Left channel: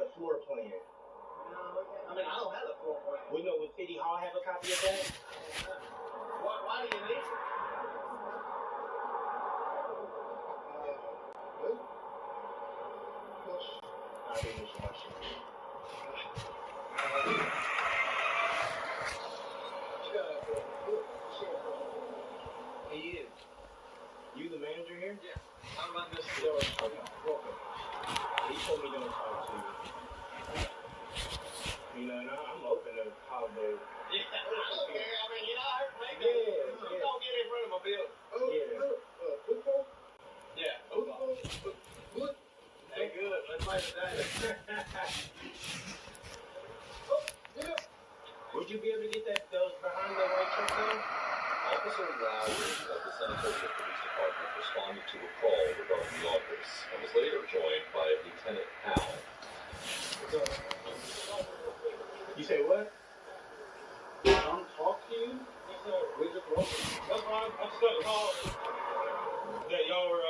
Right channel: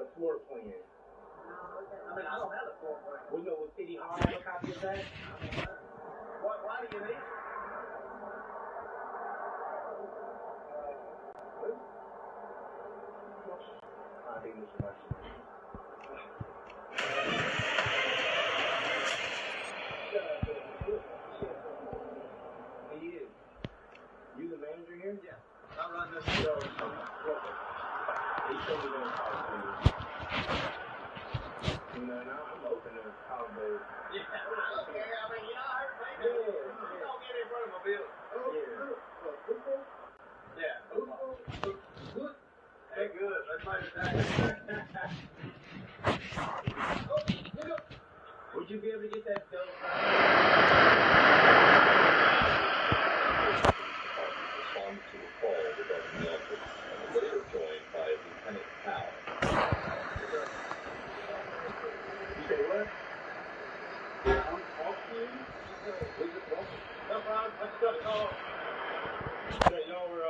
the floor plan. I mean, I don't have the floor plan. We know, would City Hall have a copy of that? Why do you need it? I think we should watch it. He is. You the manager here? Yeah. I run this show. Okay. He showed me them talk to you. You know, now I'm open to holiday. Yeah, I don't care. I mean, you know, I heard maybe. Yeah. Don't get in front of my bill. Football? Yeah. Football? Good? Hey, good. Let's play today. Would you be able to get that those responded to a call regarding the office and was later joined by Lieutenant Powell. You say what? Don't talk to you? That's fine. I just got a call that y'all were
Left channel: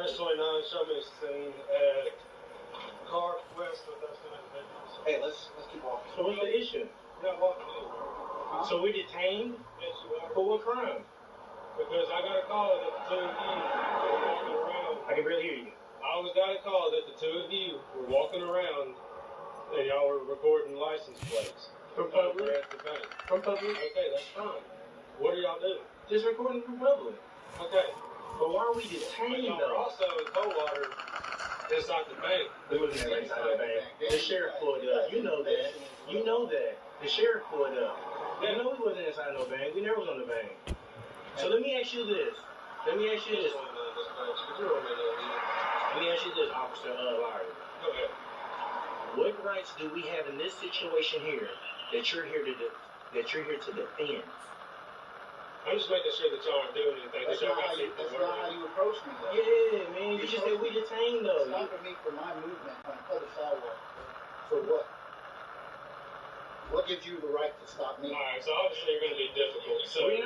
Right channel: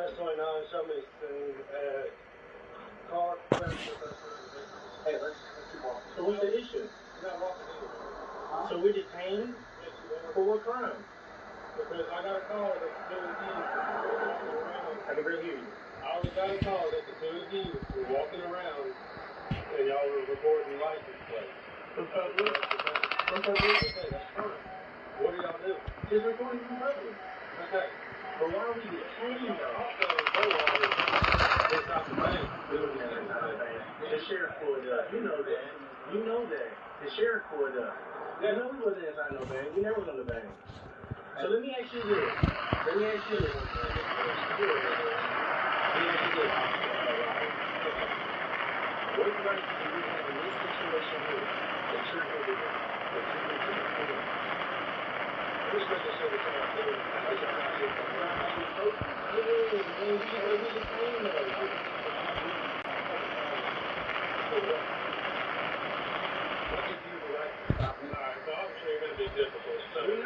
S29 showed me this thing at car crash with us. Hey, let's keep walking. So what's the issue? You got walking in. So we detained? Yes, you are. For what crime? Because I got a call that the two of you were walking around. I can barely hear you. I got a call that the two of you were walking around and y'all were recording license plates. From public? From public? Okay, that's fine. What are y'all doing? Just recording from public. Okay. But why are we detained though? Also, Bowater inside the bank. We was never inside the bank. The sheriff pulled up. You know that. You know that. The sheriff pulled up. You know we wasn't inside no bank. We never was on the bank. So let me ask you this. Let me ask you this, officer. Okay. What rights do we have in this situation here that you're here to do? That you're here to defend? I'm just making sure that y'all are doing anything. That's not how you approach me. Yeah, man. You just said we detained though. For what? What gives you the right to stop me? Alright, so obviously you're going to be difficult. So, I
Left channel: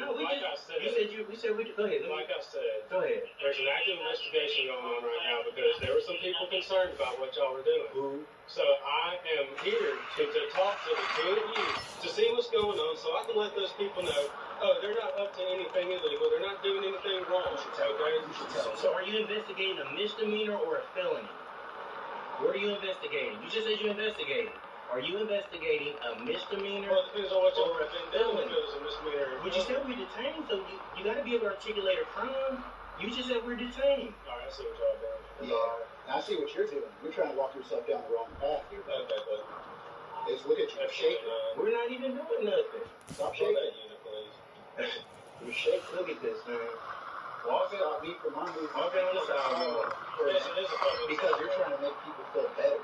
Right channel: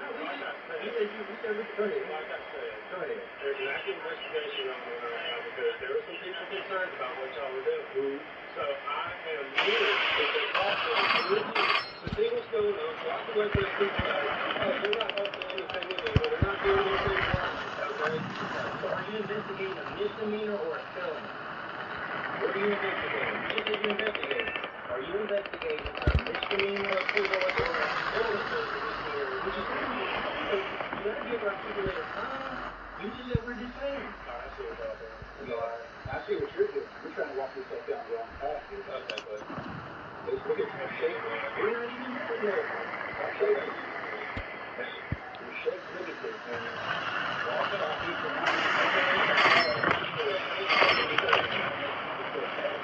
said, go ahead. Like I said, Go ahead. there's an active investigation going on right now because there were some people concerned about what y'all were doing. Who? So I am here to talk to the two of you to see what's going on so I can let those people know, oh, they're not up to anything illegal, they're not doing anything wrong, okay? So are you investigating a misdemeanor or a felony? What are you investigating? You just said you investigated. Are you investigating a misdemeanor Well, it depends on what you're doing. We just said we detained, so you gotta be able to articulate a crime. You just said we're detained. Alright, I see what y'all doing. Yeah, I see what you're doing. You're trying to walk yourself down the wrong path here. Okay, but Just look at you shaking. We're not even doing nothing. Stop shaking. You're shaking. Look at this, man. Walk it off. Keep the money. Because you're trying to make people feel better.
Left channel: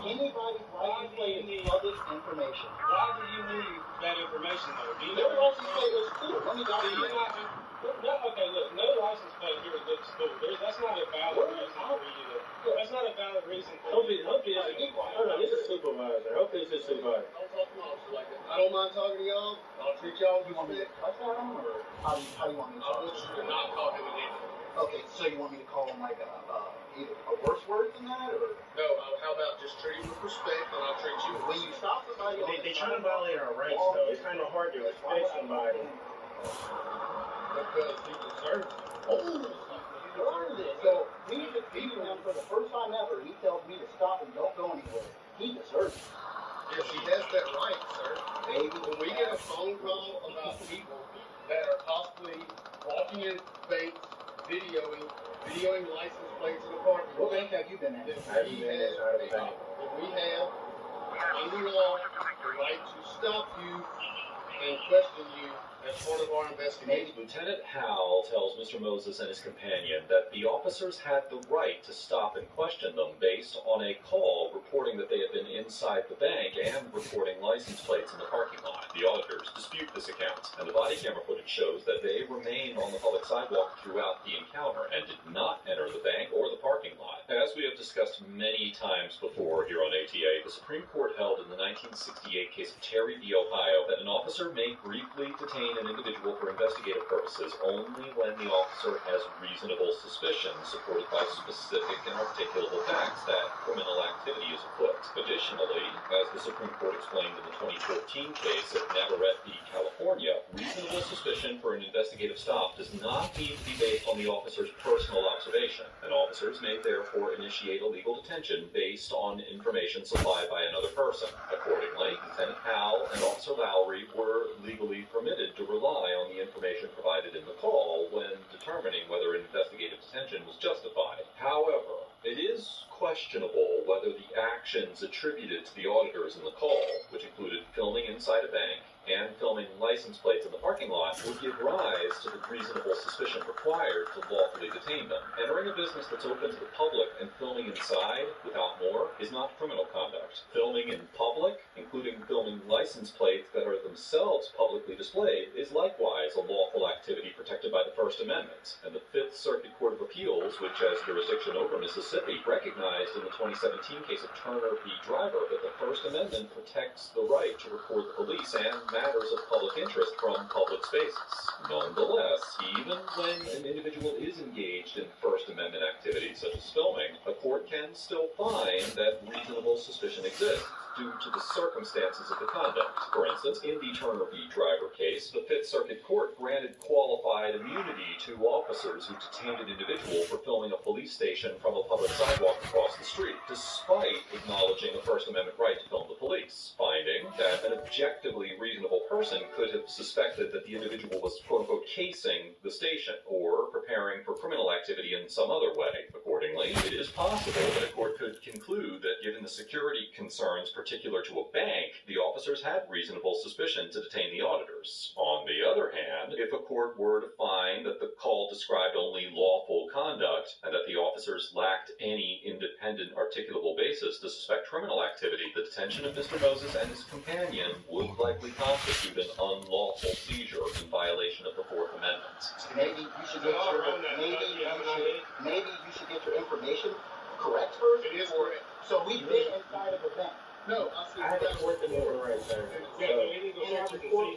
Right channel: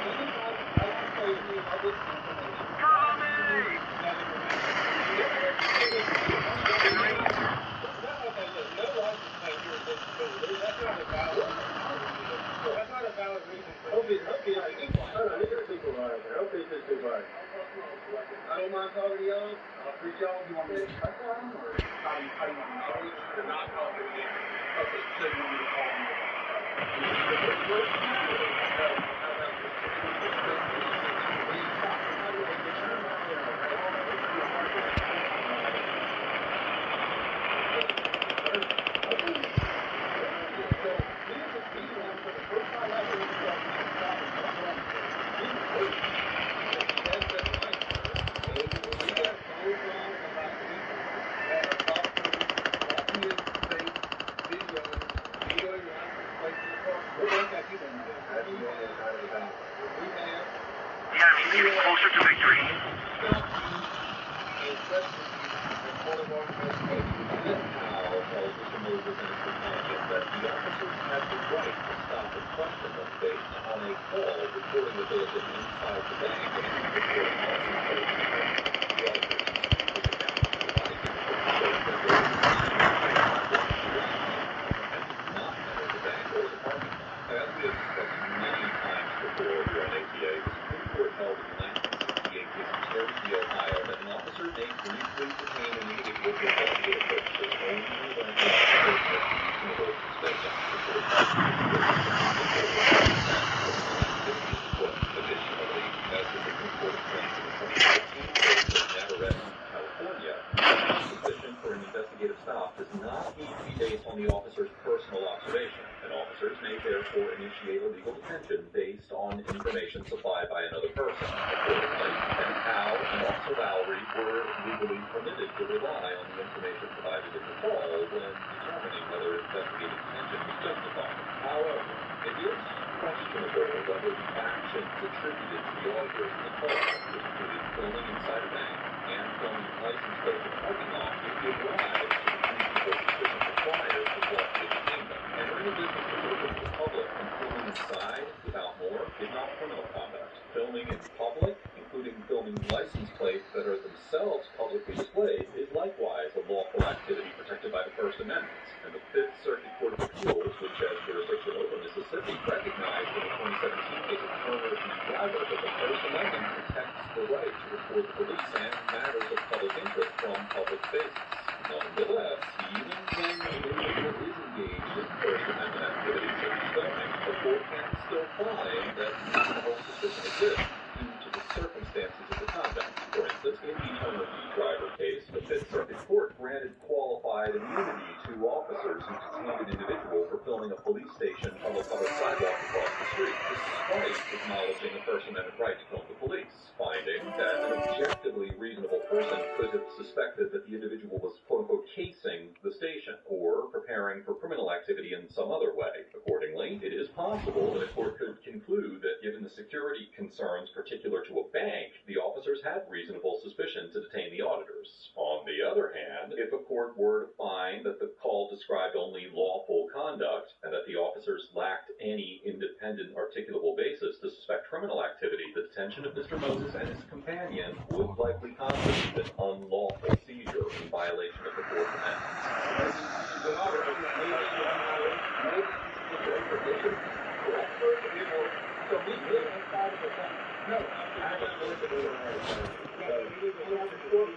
Anybody, I can tell you need all this information. why do you need that information from me? Your license plate is too. Only got a year. Okay, look, no license plate here at this school. That's not a valid reason. That's not a valid reason for Hope it's this is supervisor. Hope it's a supervisor. I don't mind talking to y'all. I'll treat y'all. You want me to cut them, or how do you want me to talk? to not talk to me. Okay, so you want me to call them over? No, how about just treat me with respect and I'll treat you with respect. They're trying to violate our rights. They're trying to hurt us. Find somebody. So we were just beating them for the first time ever. He tells me to stop and don't go on the way. He was hurt. Yes, he has that right, sir. And when we get a phone call about people that are talking to walking in state, videoing license plates in the park, What rank have you been in? How do you know that's out of the bank? we have Closer to victory. right to stop you and question you as part of our investigation. Lieutenant Powell tells Mr. Moses and his companion that the officers have the right to stop and question them based on a call reporting that they have been inside the bank and reporting license plates in the parking lot. The auditors dispute this account, and the body camera footage shows that they remained at a sidewalk throughout the encounter and did not enter the bank or the parking lot. As we have discussed many times before here on ATA. The Supreme Court held in the 1968 case of Terry v. Ohio that an officer may briefly detain an individual for investigative purposes only when the officer has reasonable suspicion supported by specific and articulable facts that criminal activity is afoot. Additionally, as the Supreme Court explained in the 2014 case of Navarrete v. California, reasonable suspicion for an investigative stop does not need to be based on the officer's personal observation, and officers may therefore initiate a legal detention based on information supplied by another person. Accordingly, Lieutenant Howe and Officer Lowry were legally permitted to rely on the information provided in the call when determining whether investigative detention was justified. However, it is questionable whether the actions attributed to the auditors in the call, which included filming inside a bank and filming license plates in the parking lot, would give rise to the reasonable suspicion required to lawfully detain them. Entering a business that's open to the public and filming inside without more is not criminal conduct. Filming in public, including filming license plates that are themselves publicly displayed, is likewise a lawful activity protected by the First Amendment. And the Fifth Circuit Court of Appeals, which has jurisdiction over Mississippi, recognized in the 2017 case of Turner v. Driver that the First Amendment protects the right to report the police and matters of public interest from public spaces. Nonetheless, even when an individual is engaged in First Amendment activities such as filming, the court can still find that reasonable suspicion exists due to the circumstances of the conduct. For instance, in the Turner v. Driver case, the Fifth Circuit Court granted qualified immunity to officers who detained an individual for filming a police station from a public sidewalk across the street, despite acknowledging a First Amendment right to film the police, finding that an objectively reasonable person could have suspected that the individual was quote-unquote casing the station or preparing for criminal activity in some other way. Accordingly, it is possible that a court could conclude that given the security concerns particular to a bank, the officers had reasonable suspicion to detain the auditors. On the other hand, if a court were to find that the call described only lawful conduct and that the officers lacked any independent articulable basis to suspect criminal activity, the detention of Mr. Moses and his companion would likely constitute an unlawful seizure in violation of the Fourth Amendment. Maybe you should get your information correct first. It is correct. So we've been inside of the bank. No, I had to work in the right side. Yes. Therefore, hold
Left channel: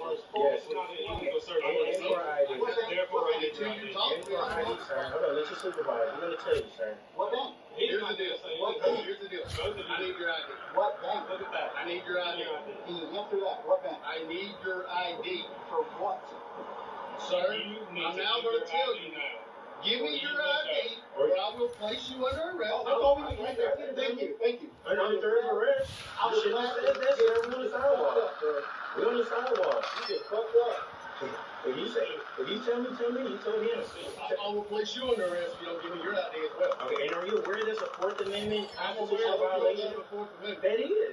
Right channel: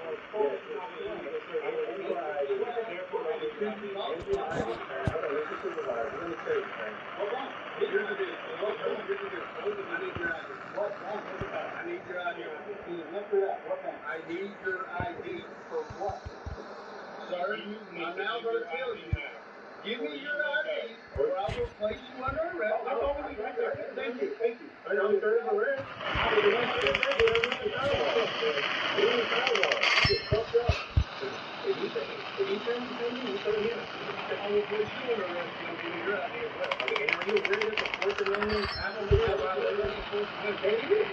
on, let your supervisor. Let me tell you, sir. What bank? Here's the deal. I need your ID. What bank? I need your ID. Can you answer that? What bank? I need your ID. For what? Sir, I'm now going to tell you. Give me your ID, or I will place you under arrest. Thank you. I know there is a risk. We're on the sidewalk. We're on the sidewalk. Just fucked up. If you tell me, you tell him. I will place you under arrest if you don't give me your ID as well. Okay, and are you aware there's a Fourth Amendment constitutional violation? That it is.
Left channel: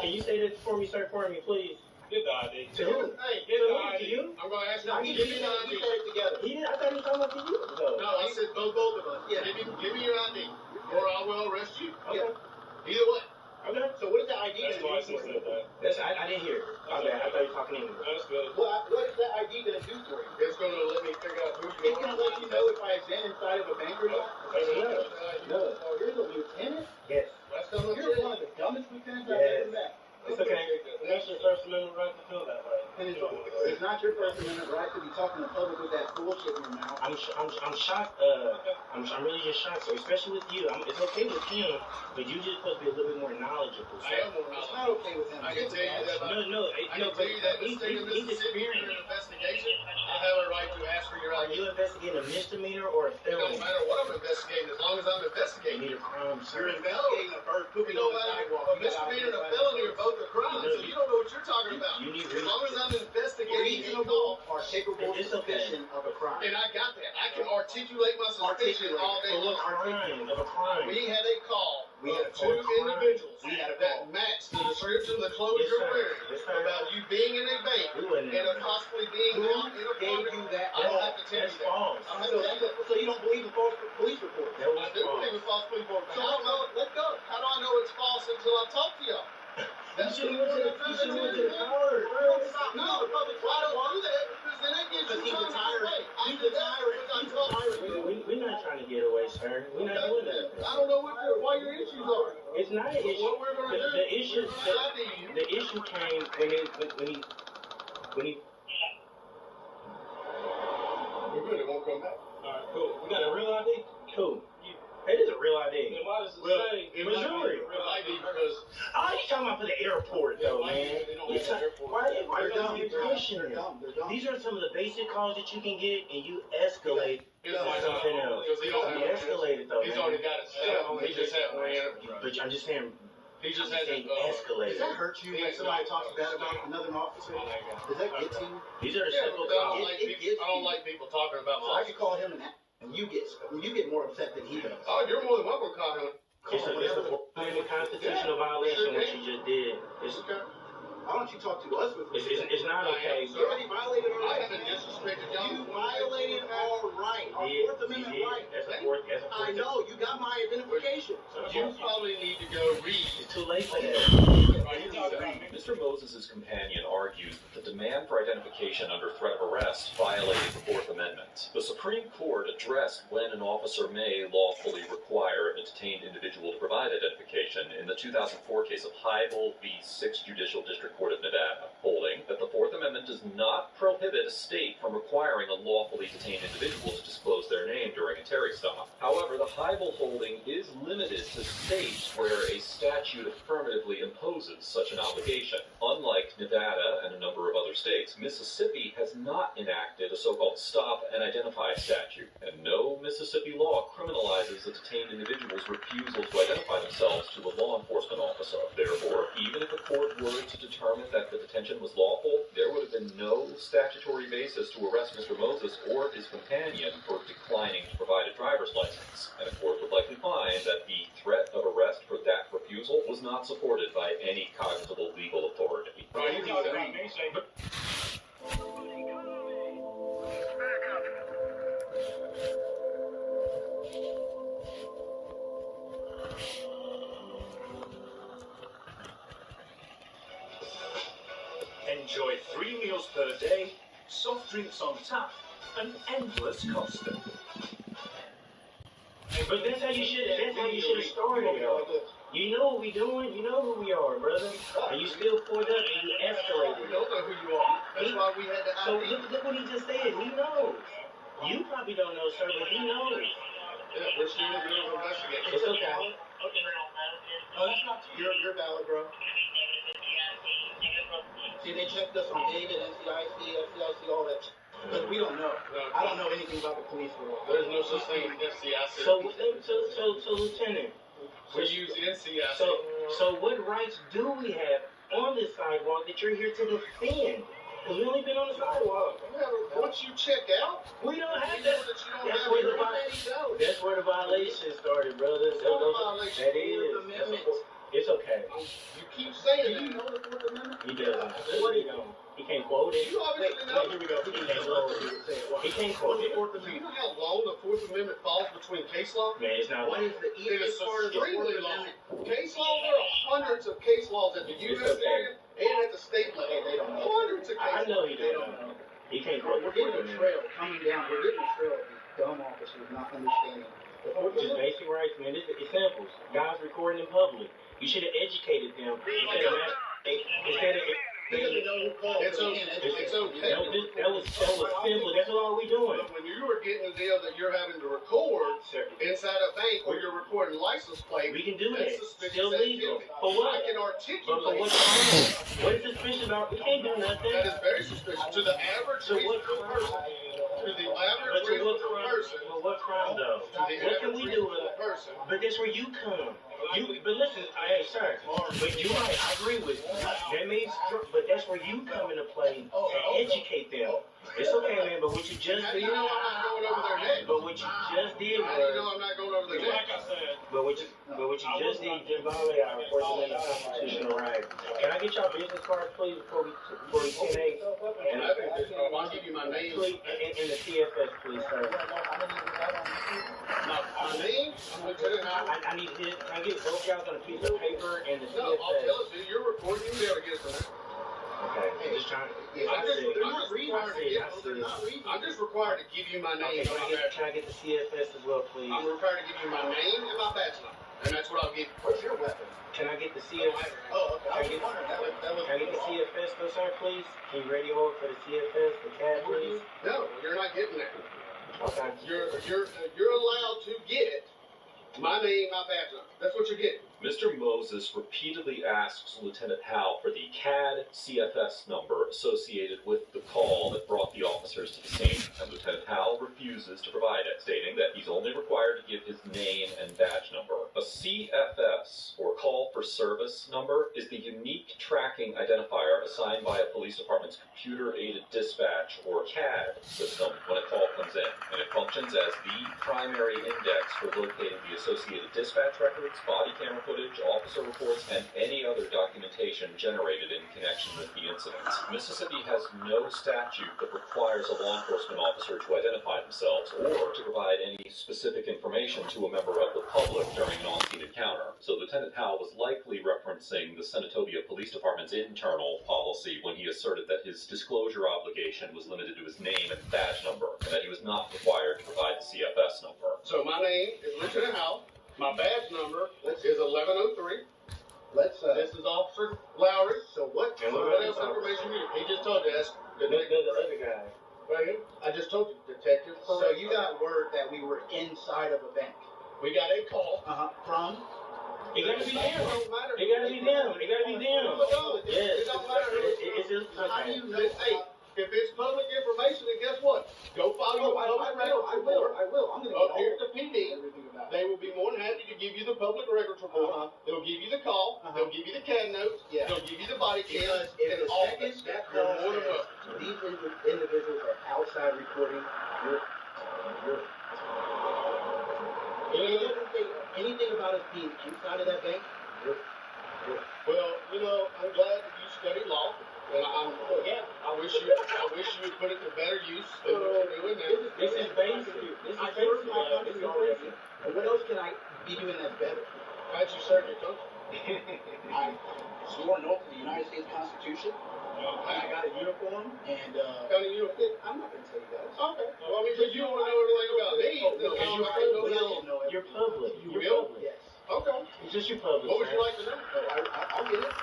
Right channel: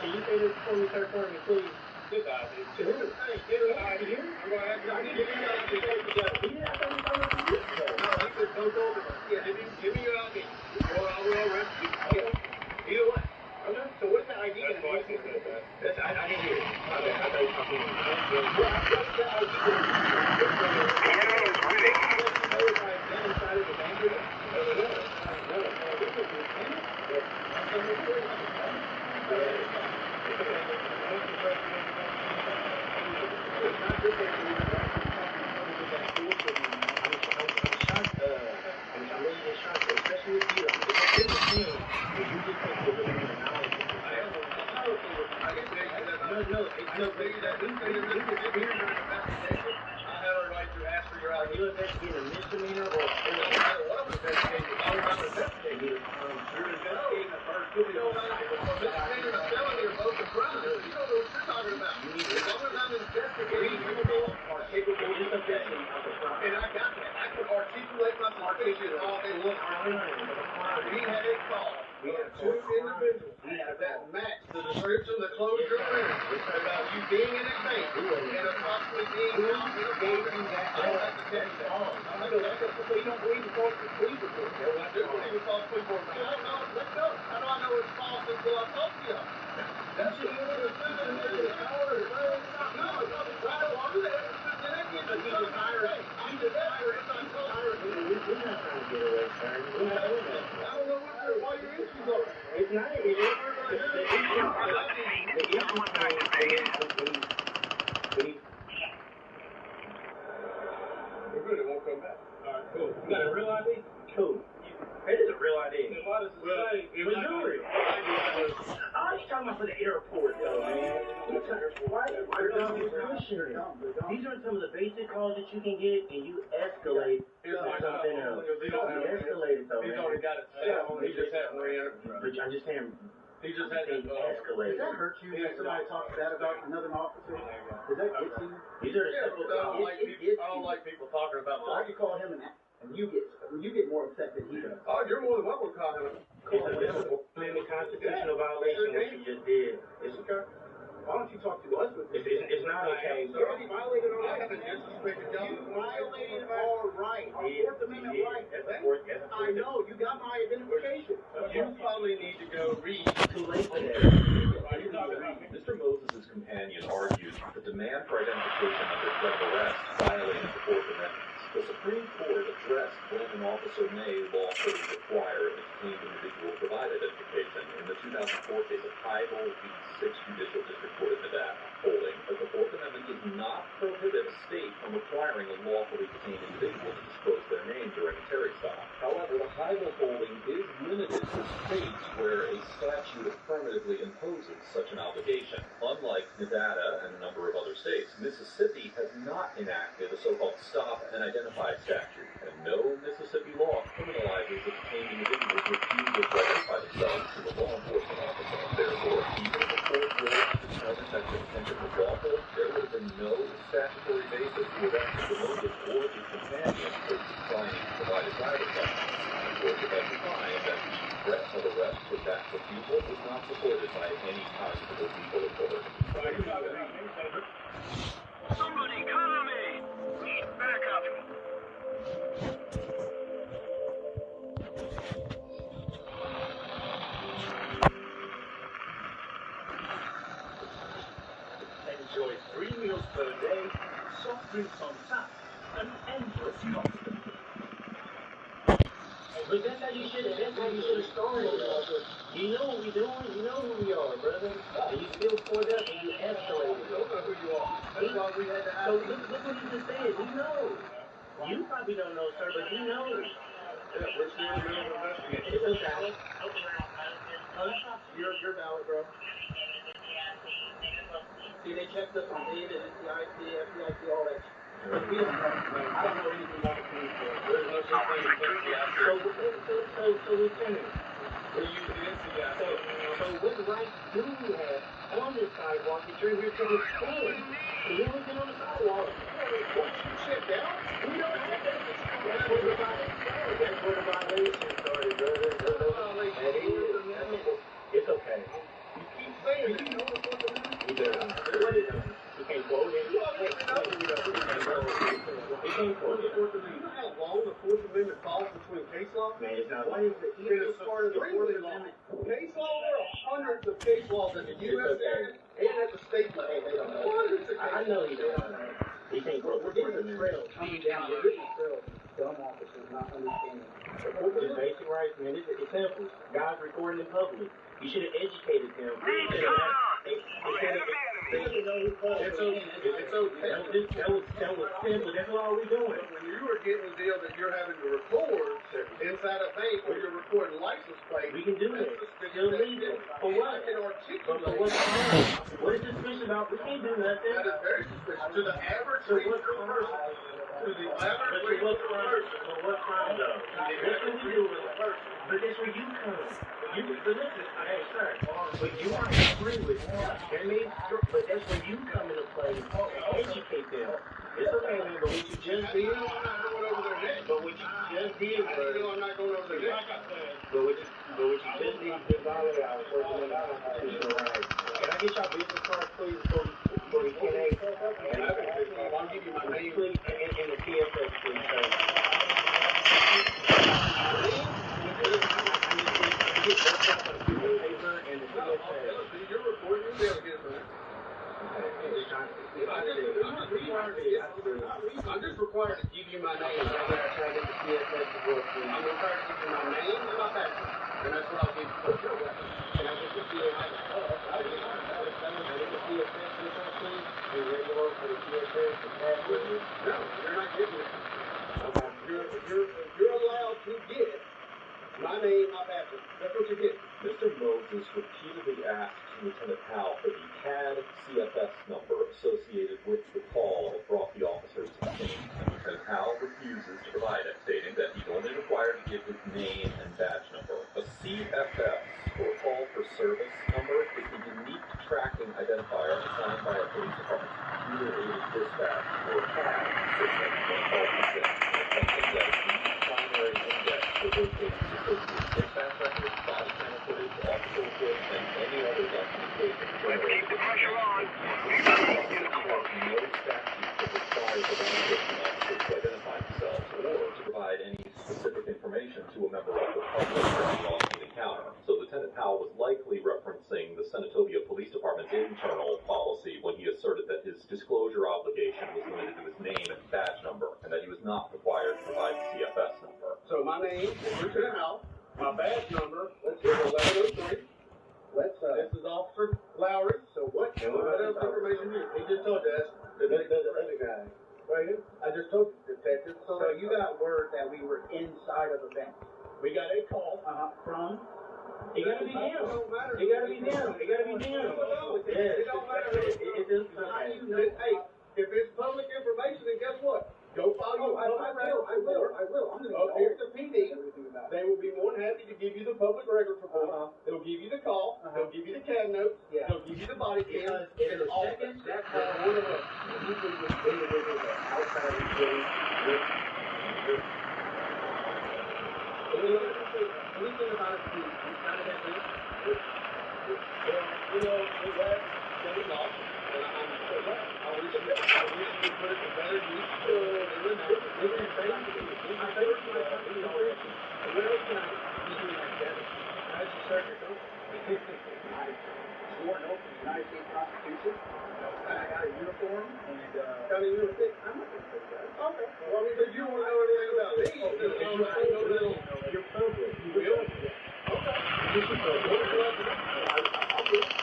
Can you say this for me, sir, please? Get the ID. To who? Hey, get the ID. To you? I'm going to ask you to Give give me me your your ID. together. He did. I thought he was talking about for you. No, I said both of us. Yeah. Give me your ID, or I will arrest you. Okay. Either way. Okay. So what is the ID? That's why I said that. That's, I didn't hear it. My bad. I thought you were talking to me. What's the ID going to be? They can let you know if I've been inside of a bank or not? No. Lieutenant? Yes. That's what I'm saying. I'm a lieutenant. It's okay. What's your First Amendment? It's not your First Amendment right to be talking in public with that bullshit in your mouth. I'm shocked. I'm really just shocked, especially with you. It's okay with him, but you just put a little bit more knowledge into I am it. more It's not okay with him. I can tell you that. I can tell you that in the state of Mississippi, during an investigation, I have a right to ask for your Are ID. you investigating a misdemeanor or a It don't felony? matter what I'm investigating, as long as I'm You investigating. need a crime, sir. You're investigating a bird pooping on the sidewalk. A misdemeanor and a felony are both a crime, so you don't know what you're talking about. As long as I'm investigating your call, Are capable of sufficient of a crime. and I got that. I can articulate my suspicion all day long. We had a call of two individuals that matched the description that closed your wearing about you being in a bank and possibly being out in a park. I don't have to tell you that. So you don't believe the false police report? I do believe in false police report. So how do I know it's false until I talk to y'all? That's You shouldn't went to the power. No, I don't do that because then it gets you trouble. I did that because I told you. sir. We're not doing that. I don't know why your issues are. It's not an issue. The issue came when he. We're good. It won't come back. Alright, cool. You got a real ID? Cool. It is a real ID. Then why does it Well, say Missouri. Oh, you talking about for the airport, though, man? Why are you pushing it? These are some of the basic calls that you can get, and you escalate to something else. You escalate it, though, He's man. already got it set. He just had But I'm just saying, He just had to escalate. Does that hurt you when somebody talks bad about another officer? Does that get to you? These are the Yeah, simple because I calls. don't like people talking about So I could call him and you get more upset than he does. Oh, you're more than welcome to call him. It's a constitutional violation what you just did. It's Okay. Why don't you talk to us with it's not okay. You already violated our I rights. haven't disrespected y'all. You violated our right, our Fourth Amendment right. That's a fourth. I know, you got my identification. You probably need to go read. Too late for that. Mr. Moses' companion argued that the demand for identification under threat of arrest violated the Fourth Amendment. The Supreme Court addressed when an officer may lawfully require a detained individual to provide identification in the 2004 case of hiThis v. 6th Judicial District Court of Nevada, holding that the Fourth Amendment does not prohibit a state from requiring a lawfully detained individual to disclose their name during a Terry stop. However, the hiThis holding is limited to states where a statute affirmatively imposes such an obligation. Unlike Nevada and a number of other states, Mississippi has not enacted a so-called stop and identify statute, and no Mississippi law criminalizes a detained individual's refusal to identify themselves to a law enforcement officer. Therefore, even if the court ruled to determine that the detention was lawful, there would have been no statutory basis to arrest Mr. Moses or his companion for declining to provide a driver's license, and the court would likely find that the threat of arrest for that refusal was not supported by any cognizable legal authority. You talking about me, say, Somebody cover me! Need backup. Enjoy 3 meals per day, soft drinks on tap, and endless Costa. But that's how you should have started. You know what we doing. You know who we are, brother. And you still pulled up and you escalated. We don't know who you are. That's why we had to So ID. look what he just said. He knows. You probably don't know, sir, but he knows. Yeah, we're still in the middle of investigation. It's okay. No, that's not you're valid, bro. See, they checked us on David, FCIC, all that. But we don't know. I don't know anything about the police force. There's no such thing as NCIC. So, Lieutenant. We use the NCIC. So what rights do we have on this sidewalk that you're here to defend? We only been on the sidewalk. Once you checked out, We don't have that's that. that you don't That's have where the the right. That's where the violation started, brother. That is. It's okay. You keep saying that. You know the Fourth Amendment? He doesn't. What he don't? He can't quote it. You obviously know. Here we go. He can't quote it. He can't quote it. Do you know how long the Fourth Amendment falls between case law? Man, it's not What like is the It is easiest part of the Fourth extremely long. Amendment? Case law, there are hundreds of case laws at the U.S. okay. and at the state level. They don't know. Hundreds of case I know he They don't don't know. know. He can't We're quote getting a it. trail coming down. We're getting a trail of dumb officers not understanding. the Fourth Just Amendment. basic rights, man. It's examples. Guys recording in public. You should have educated them. They didn't know who called. It's okay. It's okay. That was simple. That's all we doing. But when you are getting the deal that you're having to record inside a bank or you're recording license plate, We can do that. that's suspicious Still legal. activity. For what? I can For articulate what crime? What is suspicious about? We can't do nothing. that is very suspicious to the average So what reasonable crime? person. To the But average to what reasonable crime? person. For what crime though? To the What can average we do? reasonable person. But that's where you come. But listen, hey sir, but you might agree with me. That means, but that's where you come into play and educate them. It's okay, man. But what you just How do did, you know I'm not going over their head? but what you just did How do you know was, I'm not going over their head? like I said, but what you just did, you just violated our First Amendment constitutional rights. Can I get y'all business cards, please, before we 10-8? And I'll give you my name. please, and the TFS, please, sir. I need this. I get both sides on a piece of paper and the No, I'll tell TFS. it to you. You're recording. You'll be able to get it from there. Okay, just trying. I'm just, they're not reading. I see. They're not reading. I I'm just required to give you my name. Can I get the CFS as well, please? I'm required to give you my name and my badge number, and that's what I'll give you. What's your weapon? Can I get the CFS? Oh, okay. I was wondering. Can I get the CFS, good sir, please? Can you radio over for the CFS, the CAD, please? No, you're not getting that. Okay. You're allowed to get my name, my badge number. That's what you get. Mr. Moses repeatedly asks Lieutenant Howell for the CAD CFS number associated with the call that brought the officers to the scene, and Lieutenant Howell refuses to provide it, stating that he's only required to give his name and badge number. A CFS, or Call for Service number, is the unique tracking identifier assigned by a police department's computer-aided dispatch, or CAD, system when a call comes in, and it functions as the primary index for locating the associated dispatch records, body camera footage, officer reports, and any other documentation generated in connection with the incident. Mississippi has no statute that requires a law enforcement officer to identify themselves or to provide any specific information to a member of the public during an on-scene encounter. So Lieutenant Howell was likely referencing the Senatobia Police Department's internal policy when he asserted that his disclosure obligation was limited to his name and badge number, and that he was not required to provide the CFS number. So my name is Lieutenant Howell. My badge number is 1103. This is Officer Lowry. So what else information you need? He just told you that's The other guy. right here. I just told you, detective. So you got word that we were inside of a bank. We got a call. From? It gotta be them. Don't matter. It gotta be them. It gotta be them. Yes. It don't matter. It's just How do you know? Hey, if it's public information, then guess what? Go file your public records report. I will. I'm gonna Up get here all at the PD. everything about it. They will be more than happy to give you the public records report. They'll give you the call. They'll give you the CAD notes. Yeah. They'll give you the body cam. Because if And the all second this. that You're call more than welcome. even with individuals that are outside reporting, anything about us being inside of that bank, Well, you know, I'm glad that you study law. And I wish you would put it to better use than what you're doing now. This is basically. I served my country already. And what else can I be doing that's better? How'd you serve your country? I swore an oath to the United States Constitution. I got a uniform, and Kind of you. I'm not going to tell you guys. Okay. Well, I mean, because you want to know everything about me. Then I don't know that. You're public. Really? Yes. Okay. Just your public. What would you like to know? I'll do it.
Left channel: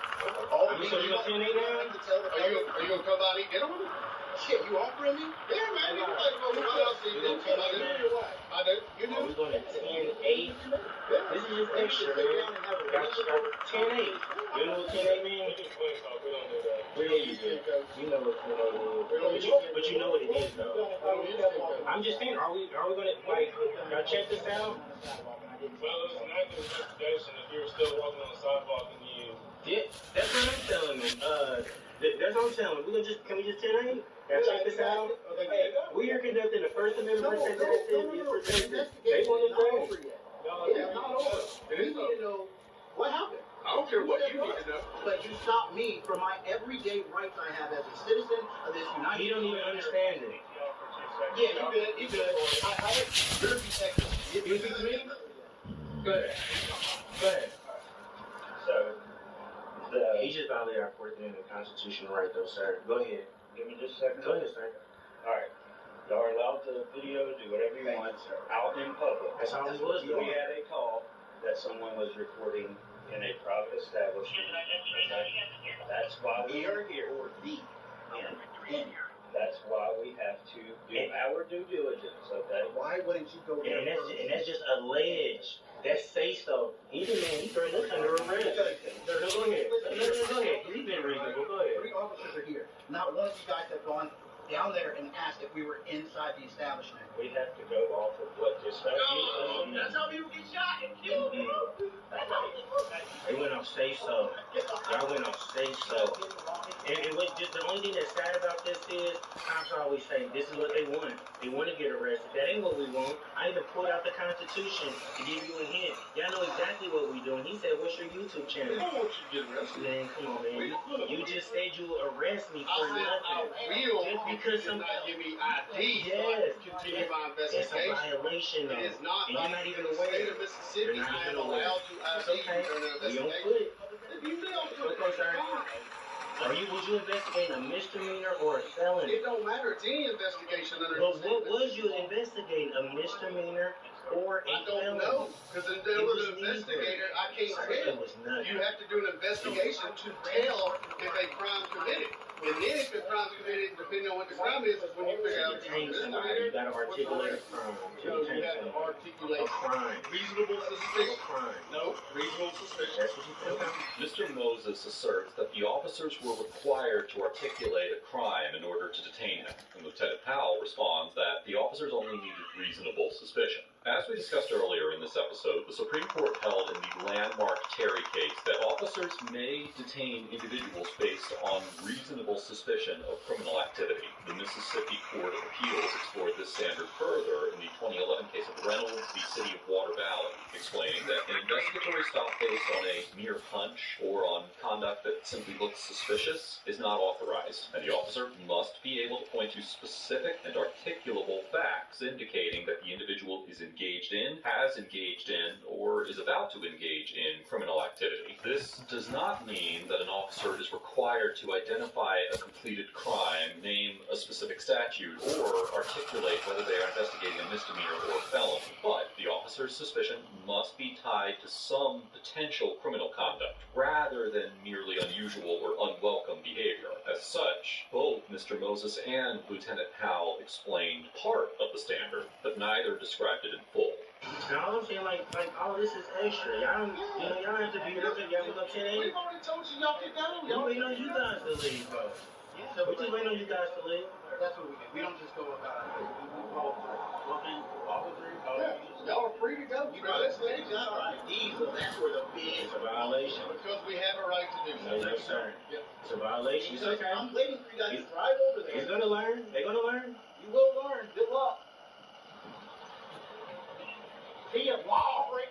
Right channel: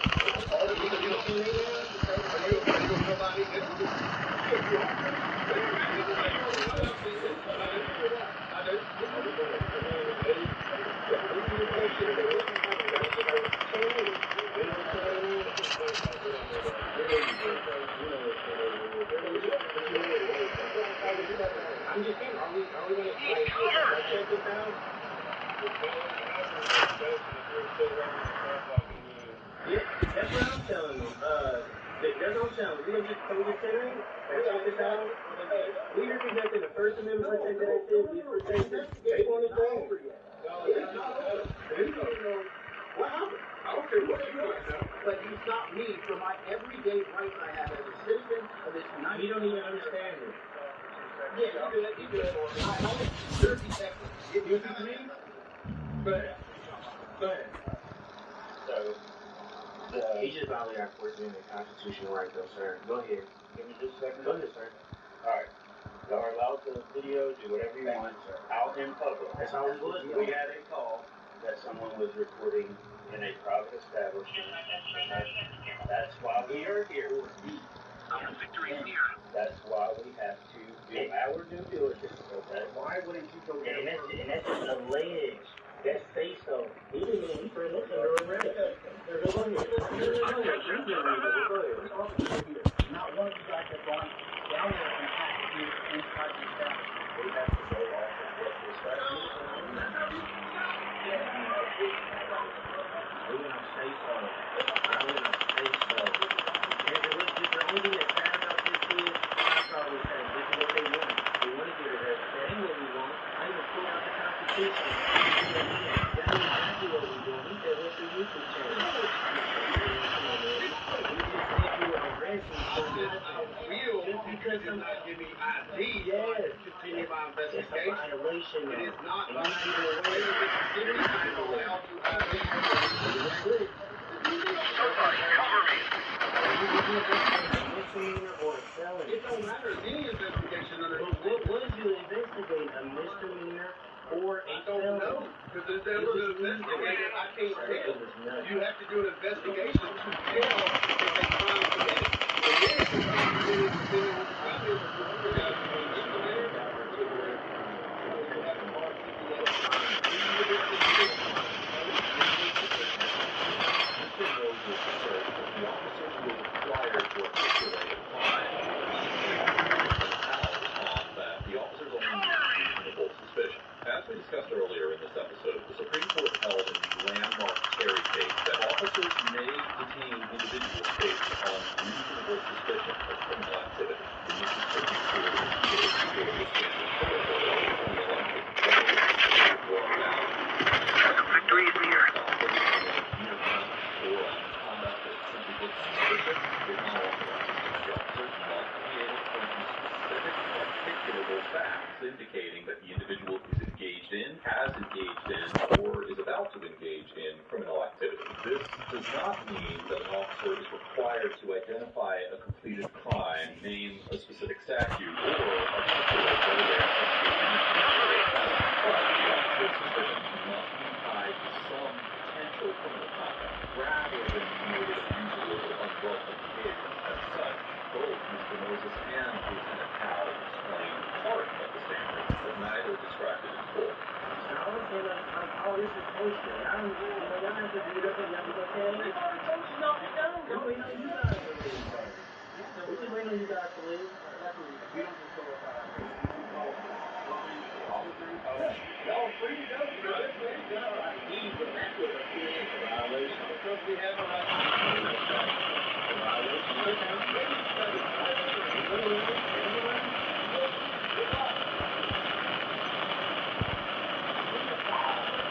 All the You said you don't see anything now? Are you gonna come out and get them? Shit, you hungry? Yeah, man. You can take them. I do. I do. You Are do. we going to 10-8? This is just that shit, baby. 10-8. You know what 10-8 means? Yeah, you do. You know what 10-8 means. But you know what it means, though. I'm just saying, are we going to, like, check this out? Yeah, that's what I'm telling them. That's what I'm telling them. Can we just 10-8? Check this out. We are conducting the First Amendment protection activity for protected. They want to go. It's not over. You need to know what happened. I don't care what you want to know. But you stopped me from my everyday rights I have as a citizen of this United States. You don't even understand it. Yeah, you good. I have your detective. You with me? Go ahead. Go ahead. So, He just violated our Fourth Amendment constitutional right, though, sir. Go ahead. give me just a second. Go ahead, sir. Alright. Y'all are allowed to video, do whatever you want, out in public. That's all it was, though. We had a call that someone was recording in a private establishment. Okay? That's why we are here. That's why we have to do our due diligence, okay? Why wouldn't you go there? And that's just alleged. That's say so. He didn't mean he turned us under arrest. Go ahead. No, go ahead. You did reasonable. Go ahead. 3 officers are here. Not one of you guys have gone down there and asked if we were inside the establishment. We have to go off of what the statute says. That's how people get shot. They went off say so. I went off say so. And it was just the only thing that's sad about this is cops always say this is what they want. They want to get arrested. That ain't what we want. I even pulled out the Constitution. Again, y'all know exactly what we doing. He said, "What's your YouTube channel?" Man, come on, man. You just said you would arrest me for nothing. Just because did some not give me ID, so I can continue my It's a investigation. violation, It though. is not. And you're not even State aware. of Mississippi, I am allowed to obey your Your investigation. foot. Was you investigating a misdemeanor or a felony? It don't matter. It's any investigation under. But what was you investigating? A misdemeanor or a felony? I don't know, because in order to investigate it, I can't tell. You have to do an investigation to tell if a crime committed. And then if the crime committed, depending on what the crime is, you have to You gotta articulate a crime. So you have to articulate a crime. Reasonable suspicion. Mr. Moses asserts that the officers were required to articulate a crime in order to detain him. Lieutenant Powell responds that the officers only needed reasonable suspicion. As we discussed earlier in this episode, the Supreme Court held in the landmark Terry case that officers may detain individuals based on reasonable suspicion of criminal activity. The Mississippi Court of Appeals explored this standard further in the 2011 case of Reynolds v. City of Warthunder, explaining that the investigator stop based on a mere hunch or on conduct that simply looks suspicious is not authorized, and the officer must be able to point to specific and articulable facts indicating that the individual is engaged in, has engaged in, or is about to engage in criminal activity. This does not mean that an officer is required to identify a completed crime, name a specific statute, or articulate whether they are investigating a misdemeanor or a felony, but the officer's suspicion must be tied to some potential criminal conduct, rather than merely unusual or unwelcome behavior. As such, both Mr. Moses and Lieutenant Powell explained part of the standard, but neither described it in full. Now I'm saying like, oh, this is extra. Y'all have to be with it. Y'all can go 10 We've already told you y'all get down. Y'all waiting on you guys to leave, bro. Yeah, We're just waiting on you guys to leave. that's what we don't just go without our Y'all are free to go. You know, that's late. got our IDs, but that's what a big It's a violation. Because we have a right to do That's right. It's a violation. It's okay. I'm ready. You got this right over there. They're gonna learn. They're gonna learn. Good luck. Good luck. be a violent,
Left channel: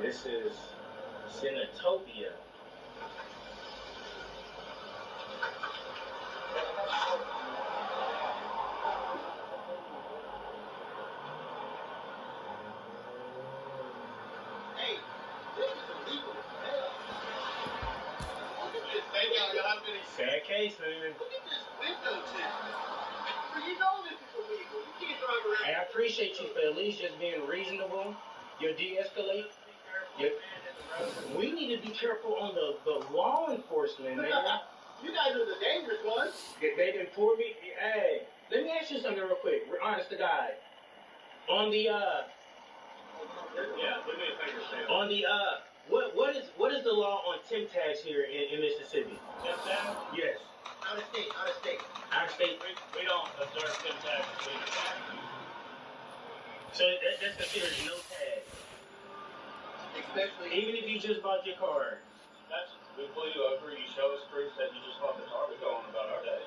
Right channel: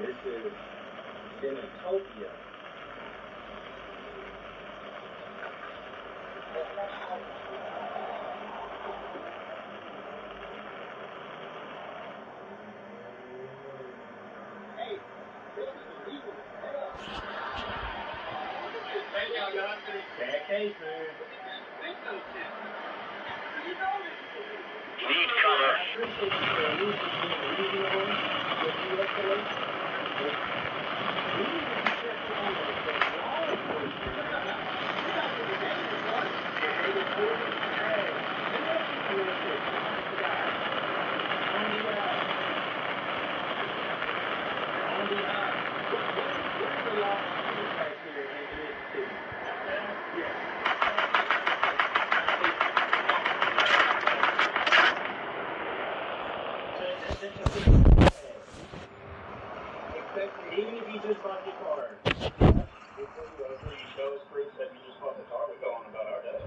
This is Cinetopia. hey, this is illegal as hell. Look at this. Thank y'all. Y'all have to Sad case, man. look at this window tip. You know this is illegal. I appreciate you for at least just being reasonable with de-escalate. But we need to be careful on the law enforcement, man. You guys are the dangerous ones. If they reported, hey, let me ask you something real quick, honest to God. What is the law on tin tax here in Mississippi? Yes. Out of state. So that's considered no tax. Especially Even if you just bought your car. Before you agree, you show us proof that you just bought the car. We're going about our day.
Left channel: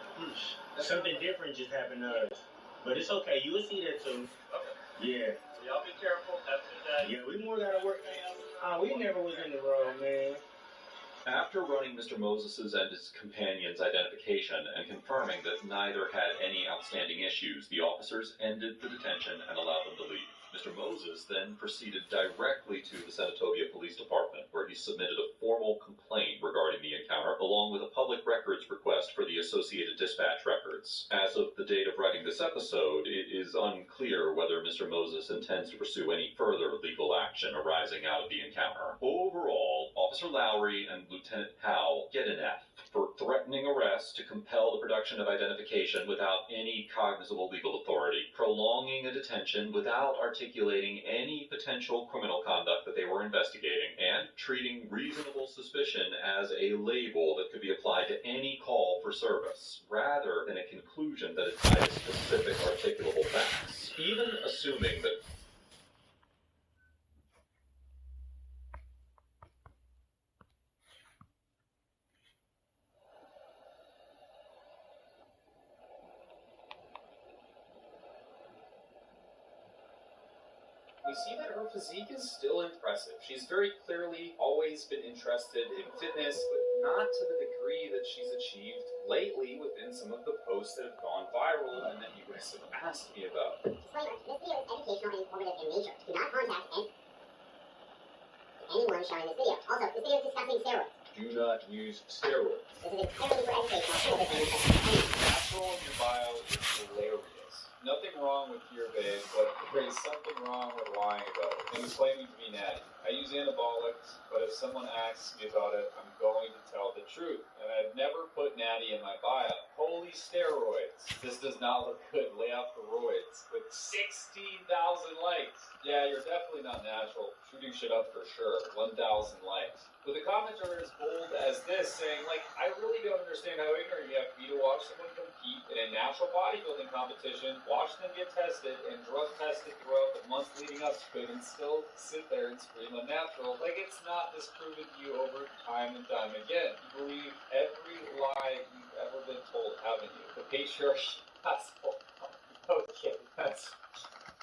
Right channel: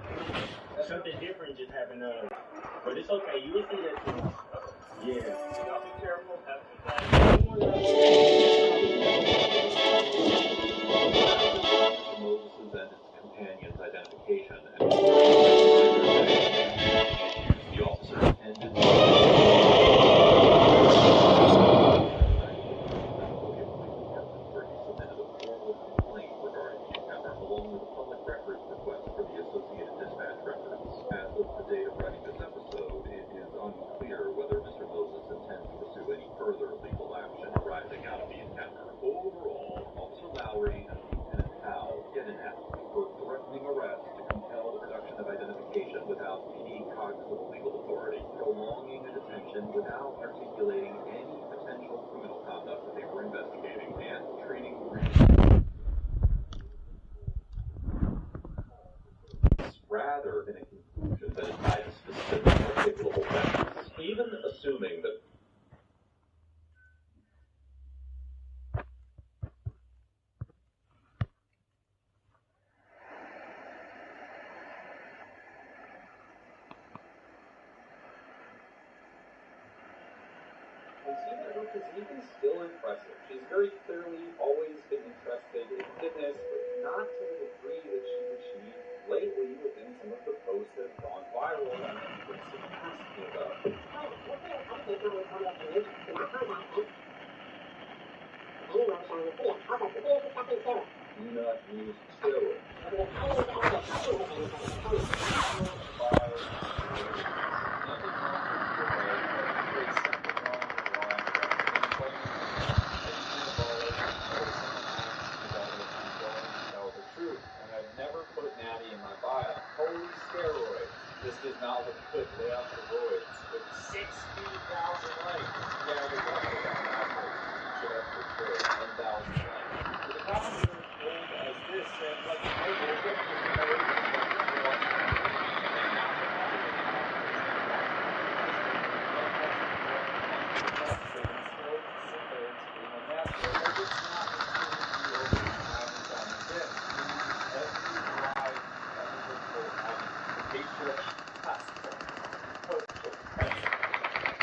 Something different just happened to us. But it's okay, you will see that too. Yeah. Y'all be careful. That's the Mr. Moses' and his companion's identification and neither had any outstanding issues, the officers ended directly to the Senatobia Police Department, where he submitted a formal complaint regarding the encounter, along with a public records request for the Associated Dispatch records. As of the date of writing this episode, it is unclear whether Mr. Moses intends to pursue any further legal action arising out of the encounter. Overall, Officer Lowry and Lieutenant Powell get an F for threatening arrest to compel the production of identification without any cognizable legal authority, prolonging a detention detention without articulating any potential criminal conduct that they were investigating, and treating reasonable suspicion as a label that could be applied to any call for service, rather than a conclusion that it tied to specific articulable facts. Even assuming that we see that her physique is still impressive. She's very clearly always been interested in fitness, but not to the degree that she's achieved lately within some of the posts that have gone viral and that you guys have asked me about. Disclaimer, this video is educational and informative in nature. Do not contact anyone showing this video. Also, this video is discussing steroids. Do not use steroids. This is purely for educational and Control your bio similarities. Nothing wrong with your way, but there's something wrong with lying about it. When you're claiming to be now, are you anabolic, or if someone asks you about it, I'm going to tell the truth. And I've never put natty in my bio. Holy steroids. This does not look good. Lay off the roids. With 16,000 likes. Yeah, you're definitely not natural. You should up for sure. 1,000 likes. But the comments are as bold as this, saying, like, I woke up just when I wake up, you watch a natural bodybuilding competition, watch them get tested, and drug tested for a month to the next, but then still sit there and scream unnatural. Like, it's not just proven to you over time and time again. Believe every lie you've ever been told, having the patriarchy gospel. Okay, that's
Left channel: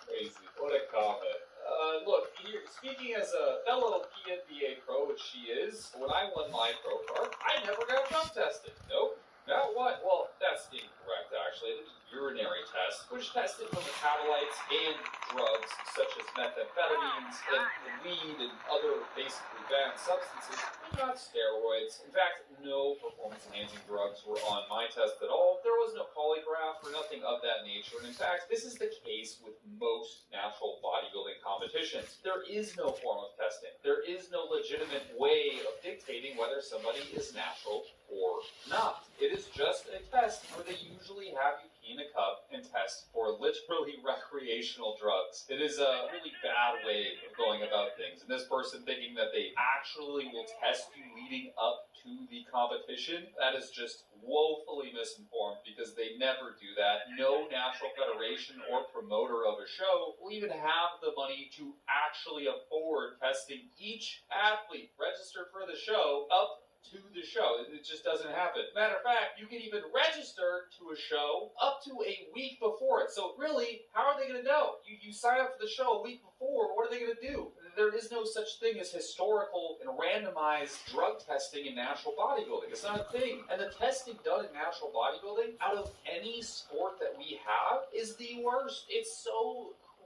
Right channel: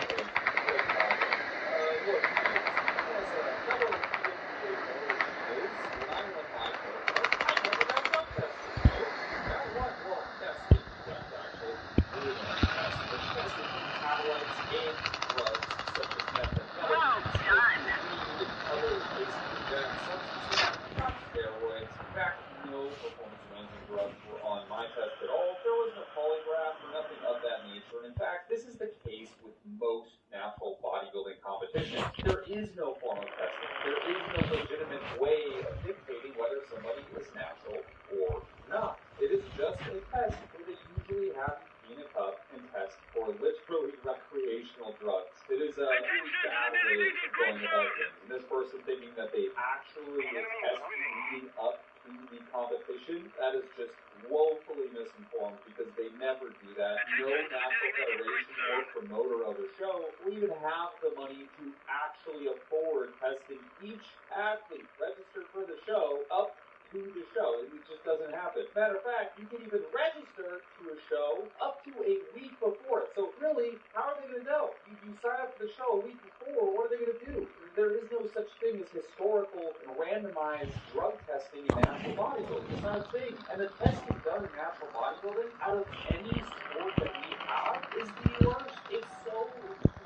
crazy. What a comment. Look, speaking as a fellow PNBA pro, which she is, when I won my pro card, I never got drug tested. Nope. Got what? Well, that's incorrect, actually. Urinary test, which tested for metabolites and drugs such as methamphetamine, weed, and other basic organic substances, not steroids. In fact, no performance-enhancing drugs were on my test at all. There was no polygraph or nothing of that nature. And in fact, this is the case with most natural bodybuilding competitions. There is no form of testing. There is no legitimate way of dictating whether somebody is natural or not. It is just a test where they usually have you pee in a cup and test for literally recreational drugs. It is a really bad way of going about things. And this person thinking that they actually will test you leading up to the competition, that is just woefully misinformed, because they never do that. No natural federation or promoter of a show will even have the money to actually afford testing each athlete registered for the show up to the show. It just doesn't happen. Matter of fact, you can even register to a show up to a week before it. So really, how are they going to know? You sign up for the show a week before, what are they going to do? There is no such thing as historical and randomized drug testing in natural bodybuilding. It's not a thing. And the testing done in natural bodybuilding, out of any sport that we have, is the worst. It's so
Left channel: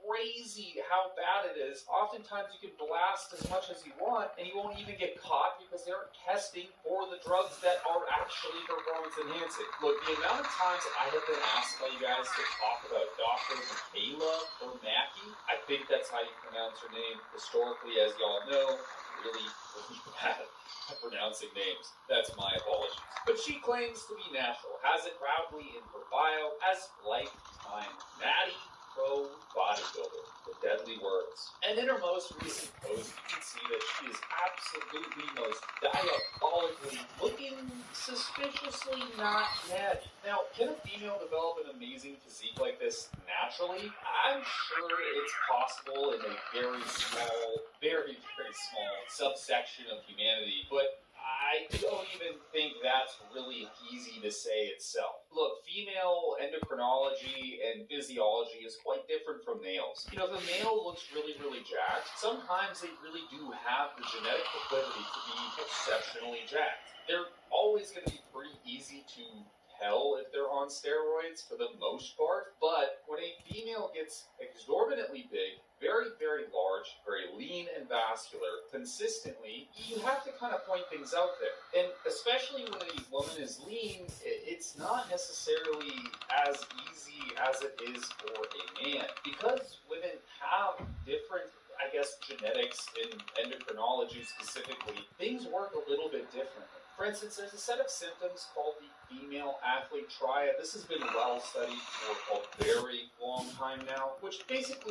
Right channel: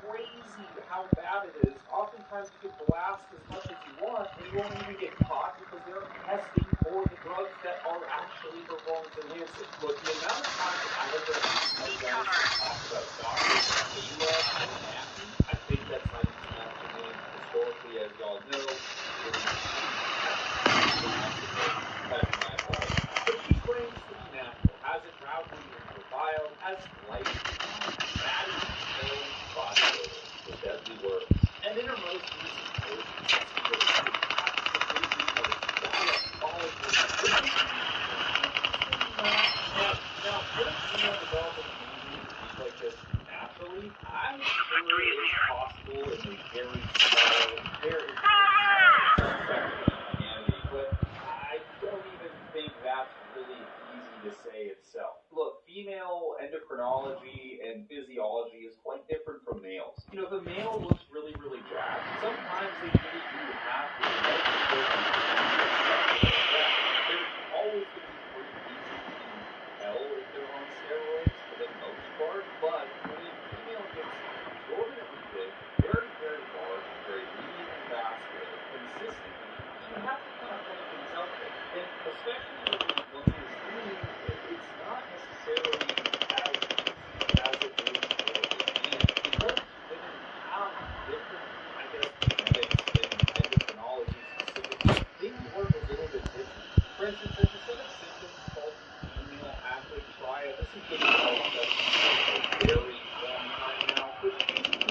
crazy how bad it is. Oftentimes you can blast as much as you want and you won't even get caught because they're testing for the drugs that are actually performance enhancing. Look, the amount of times I have been asked by you guys to talk about Dr. Kayla Koronaki, I think that's how you pronounce her name historically, as y'all know, really pronounce it names. That's my apology. But she claims to be natural, has it proudly in her bio, as lifetime fatty, no bodybuilder, with deadly words. And in her most recent post, you can see that she is absolutely most diabolically looking, suspiciously not mad. Now, could a female develop an amazing physique like this naturally? I'm sure it's possible in a very small subsection of humanity, but I don't even think that's really easy to say itself. Look, female endocrinology and physiology is quite different from males. You know, if a male looks really, really jacked, sometimes they really do have the genetic ability to be sexually jacked. They're always going to be pretty easy to tell if they're on steroids for the most part, but when a female gets exorbitantly big, very, very large, very lean and vascular, consistently, you have to kind of point things out there. And especially when a woman is lean, it's not necessarily as easy as it is for a man. Because women have different, I guess, genetics and endocrinology specifically, things work a little bit different. For instance, there's a set of symptoms called the female athlete triad. This has been well studied for a very long time now, which basically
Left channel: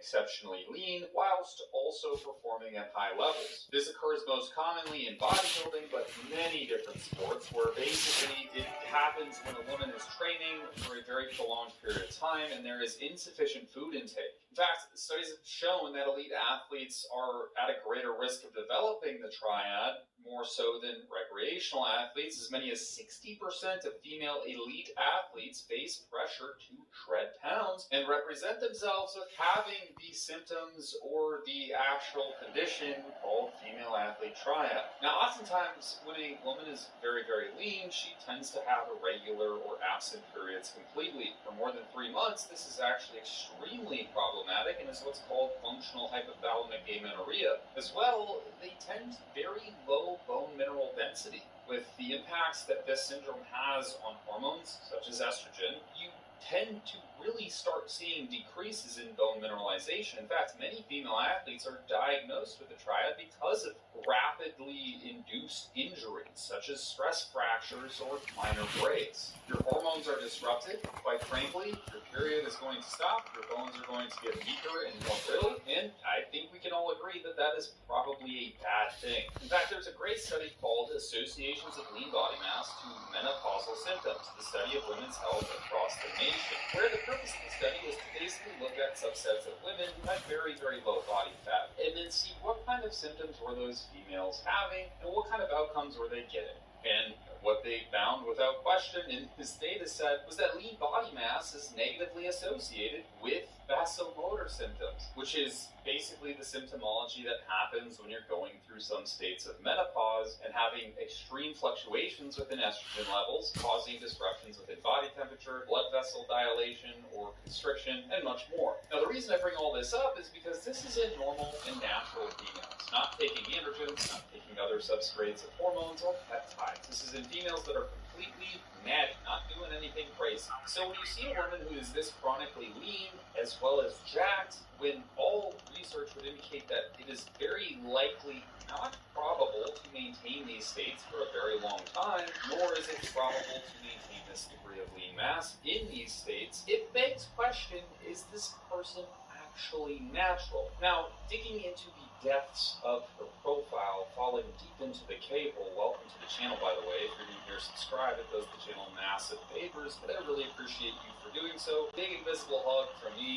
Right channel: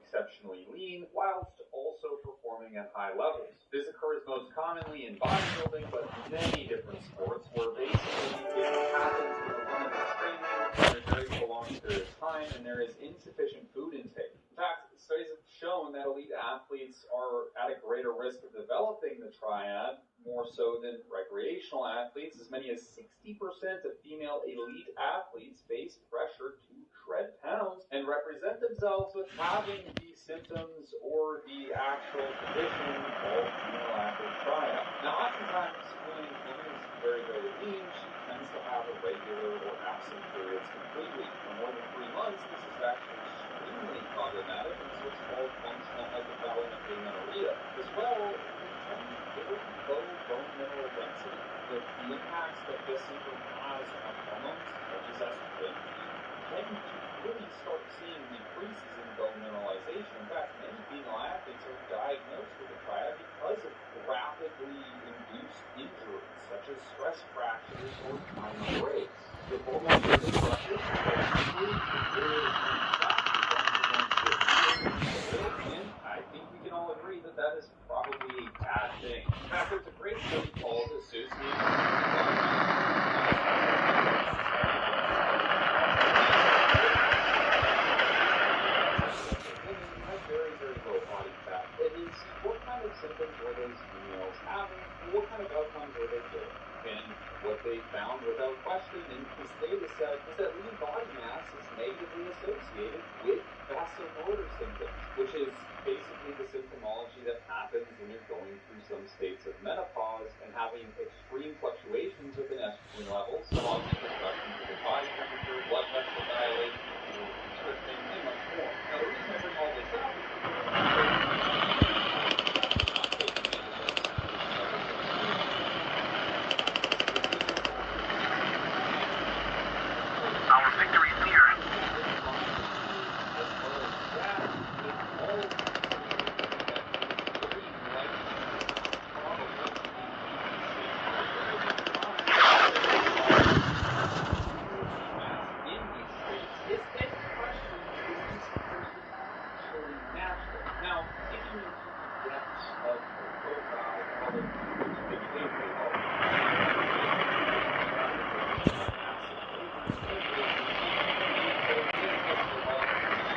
exceptionally lean whilst also performing at high levels. This occurs most commonly in bodybuilding, but many different sports, where basically it happens when a woman is training for a very prolonged period of time and there is insufficient food intake. In fact, studies have shown that elite athletes are at a greater risk of developing the triad, more so than recreational athletes. As many as 60% of female elite athletes face pressure to shred pounds and represent themselves with having the symptoms or the actual condition called female athlete triad. Now, oftentimes when a woman is very, very lean, she tends to have irregular or absent periods completely. For more than 3 months, this is actually extremely problematic and is what's called functional hypothalamic amenorrhea. As well, they tend to very low bone mineral density. With the impacts that this syndrome has on hormones, such as estrogen, you tend to really start seeing decreases in bone mineralization. In fact, many female athletes are diagnosed with the triad because of rapidly induced injuries, such as stress fractures or minor breaks. Your hormones are disrupted, quite frankly, your period is going to stop, your bones are going to get weaker and more brittle, and I think we can all agree that that is probably a bad thing. In fact, there's a great study called Associations of Lean Body Mass and Menopausal Symptoms, the study of women's health across the nation. Women who had very, very low body fat, and then see what kind of symptoms were those females having, or what kind of outcomes were they getting. And what they found without question in this data set is that lean body mass is negatively associated with vasomotor symptoms, which is basically the symptomology that happens when you're going through some states of menopause and having extreme fluctuations within estrogen levels, causing disruptions within body temperature, blood vessel dilation, constriction, and much more. Now, the reason I bring all this up is because this is a it's not taking androgens, other substrates and hormones, or peptides. This is in females that are completely and not doing anything crazy. So someone who is this chronically lean, as well as jacked, with all research indicating that it is very likely not probable to maintain these states for a very long time, there is a lot of lean mass in these states. It begs question, is this person actually natural? Now, digging into the depths of her profile, followed deep into the gateway, welcome to the channel, by the way. If you're subscribed, it does me a massive favors, I really appreciate you for doing so. Giving this a hug for me.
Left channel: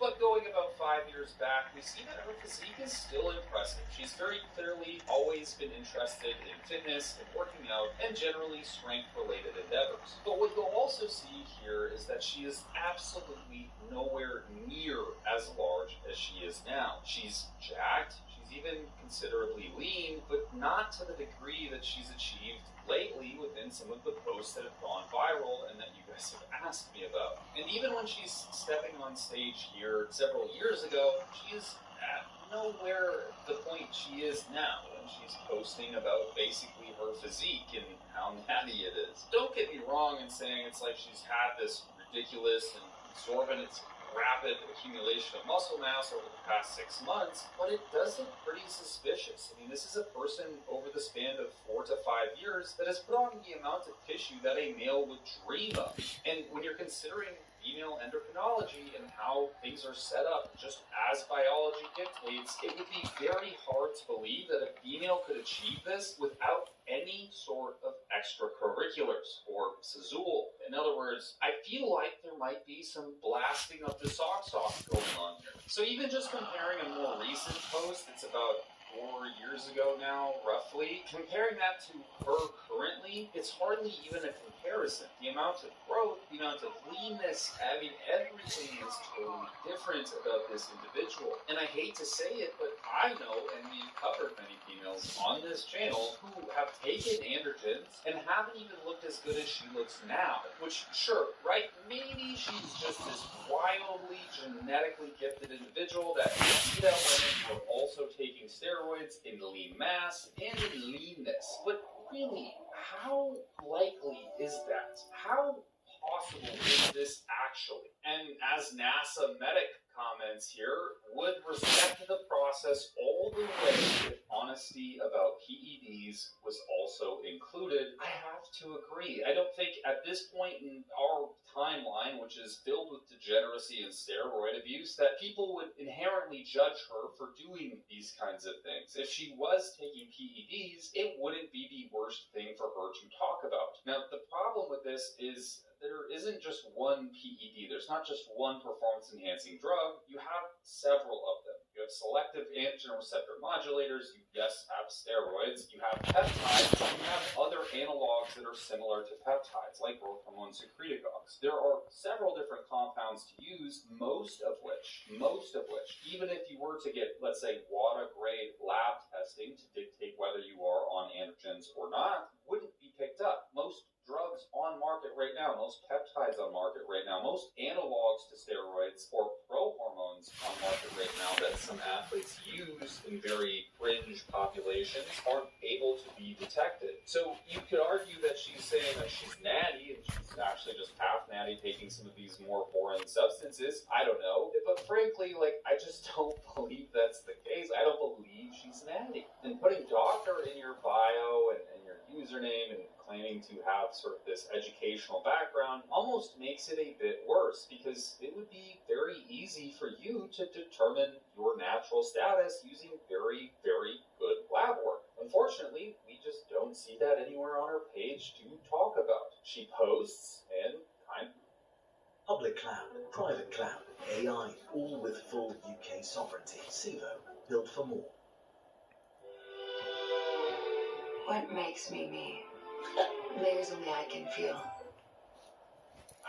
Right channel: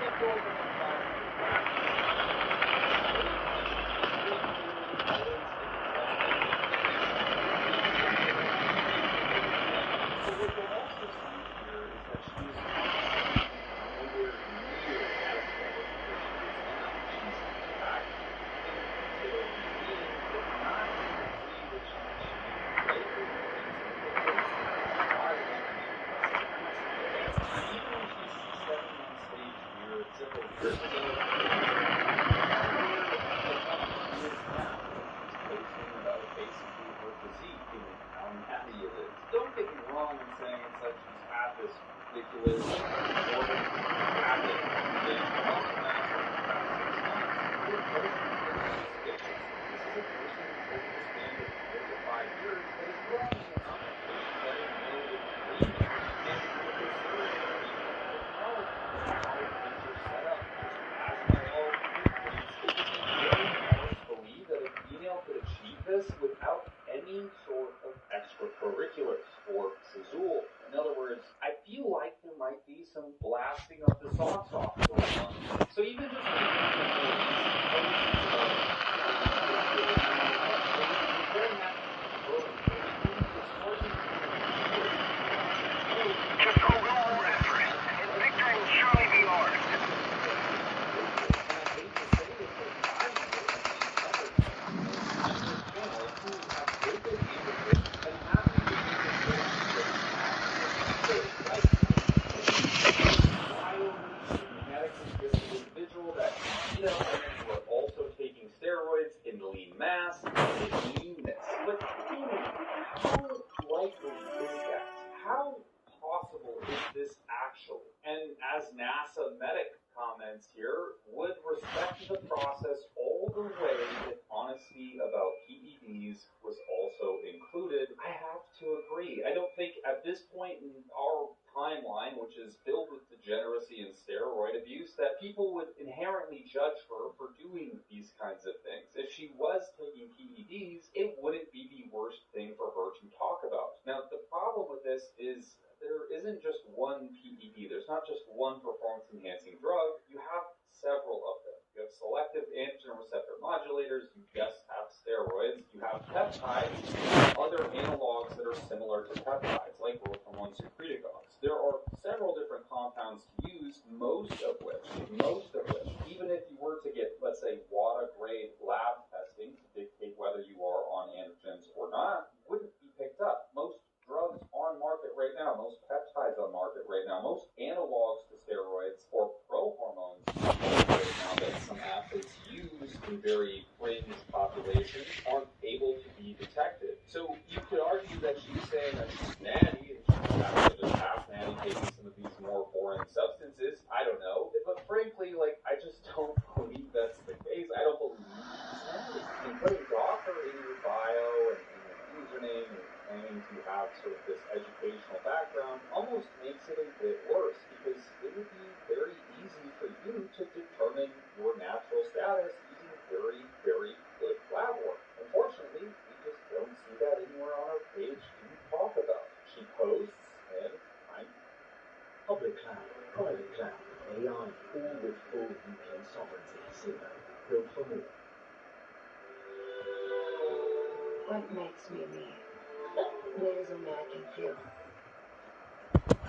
But going about 5 years back, you see that the physique is still impressive. She's very clearly always been interested in fitness, and generally strength-related endeavors. But what you'll also see here is that she is absolutely nowhere near as large as she is now. She's jacked, she's even considerably lean, but not to the degree that she's achieved lately within some of the posts that have gone viral and the impressive mass buildup. And even when she's stepping on stage here several years ago, she's nowhere the point she is now. She's posting about basically her physique and how natty it is. Don't get me wrong in saying it's like she's had this ridiculous, exorbitant, rapid accumulation of muscle mass over the past 6 months, but it does seem pretty suspicious. And this is a person over the span of 4 to 5 years that has put on the amount of tissue that a male would dream of. And when you're considering female endocrinology and how things are set up, just as biology dictates, it would be very hard to believe that a female could achieve this without any sort of extracurriculars or sezool. In other words, I feel like there might be some blasting of the socks off going on here. So even just comparing a more recent post that's about 4 years ago now, roughly, comparing that to her currently, it's hardly even a comparison. The amount of growth, because the leanness of everything is different about this individual. And I hate to say it, but I know only other females on this channel who have taken androgens and happy to make this where she is now. Which, sure, right? Maybe she's just this wildly genetically gifted individual that beat out women who are also taking steroids in lean mass and in leanness. But really, how likely is that? How possible is this actually? And as NASA medic comments here, would respect the process all the way if honesty about PEDs was also included. I have to agree. I don't think at this point in our timeline, which is filled with degeneracy and steroid abuse, that people would inherently judge her for doing these kinds of things. If she was taking PEDs, it wouldn't be the worst thing for her to talk about. Now, the problem with this is there isn't just one PED. There's not just one performance-enhancing drug. You have several of them. You have selective androgen receptor modulators. You just have steroids. You have peptides. You have other analogs that are similar to peptides, like growth hormone secretagogues. There are several different compounds to use, most of which, even if you were to get, let's say, WADA-grade lab testing to dictate whether you are on androgens or not, wouldn't be picked up. Most drugs on market right now, most peptides on market right now, most analogs to steroids or pro-hormones on market right now that some athletes use in very fringe populations aren't able to be detected. So you could argue that she's saying that she's natty and she's actually just half natty taking some of these more foreign substances. I don't know. But frankly, I just don't believe that's the case. I don't believe she's natty. And putting doctor in your bio and your username and claiming to have sort of this educational background almost makes it a bit worse, because it would be very easy for you to determine your natural status using very, very good lab work. Unfortunately, we just don't see that anywhere on her page to talk about. She posts, and I'm public cloud, private cloud, AI, all with full UK sovereignty. SIVO, built for more. What makes me me? There's only I can feel.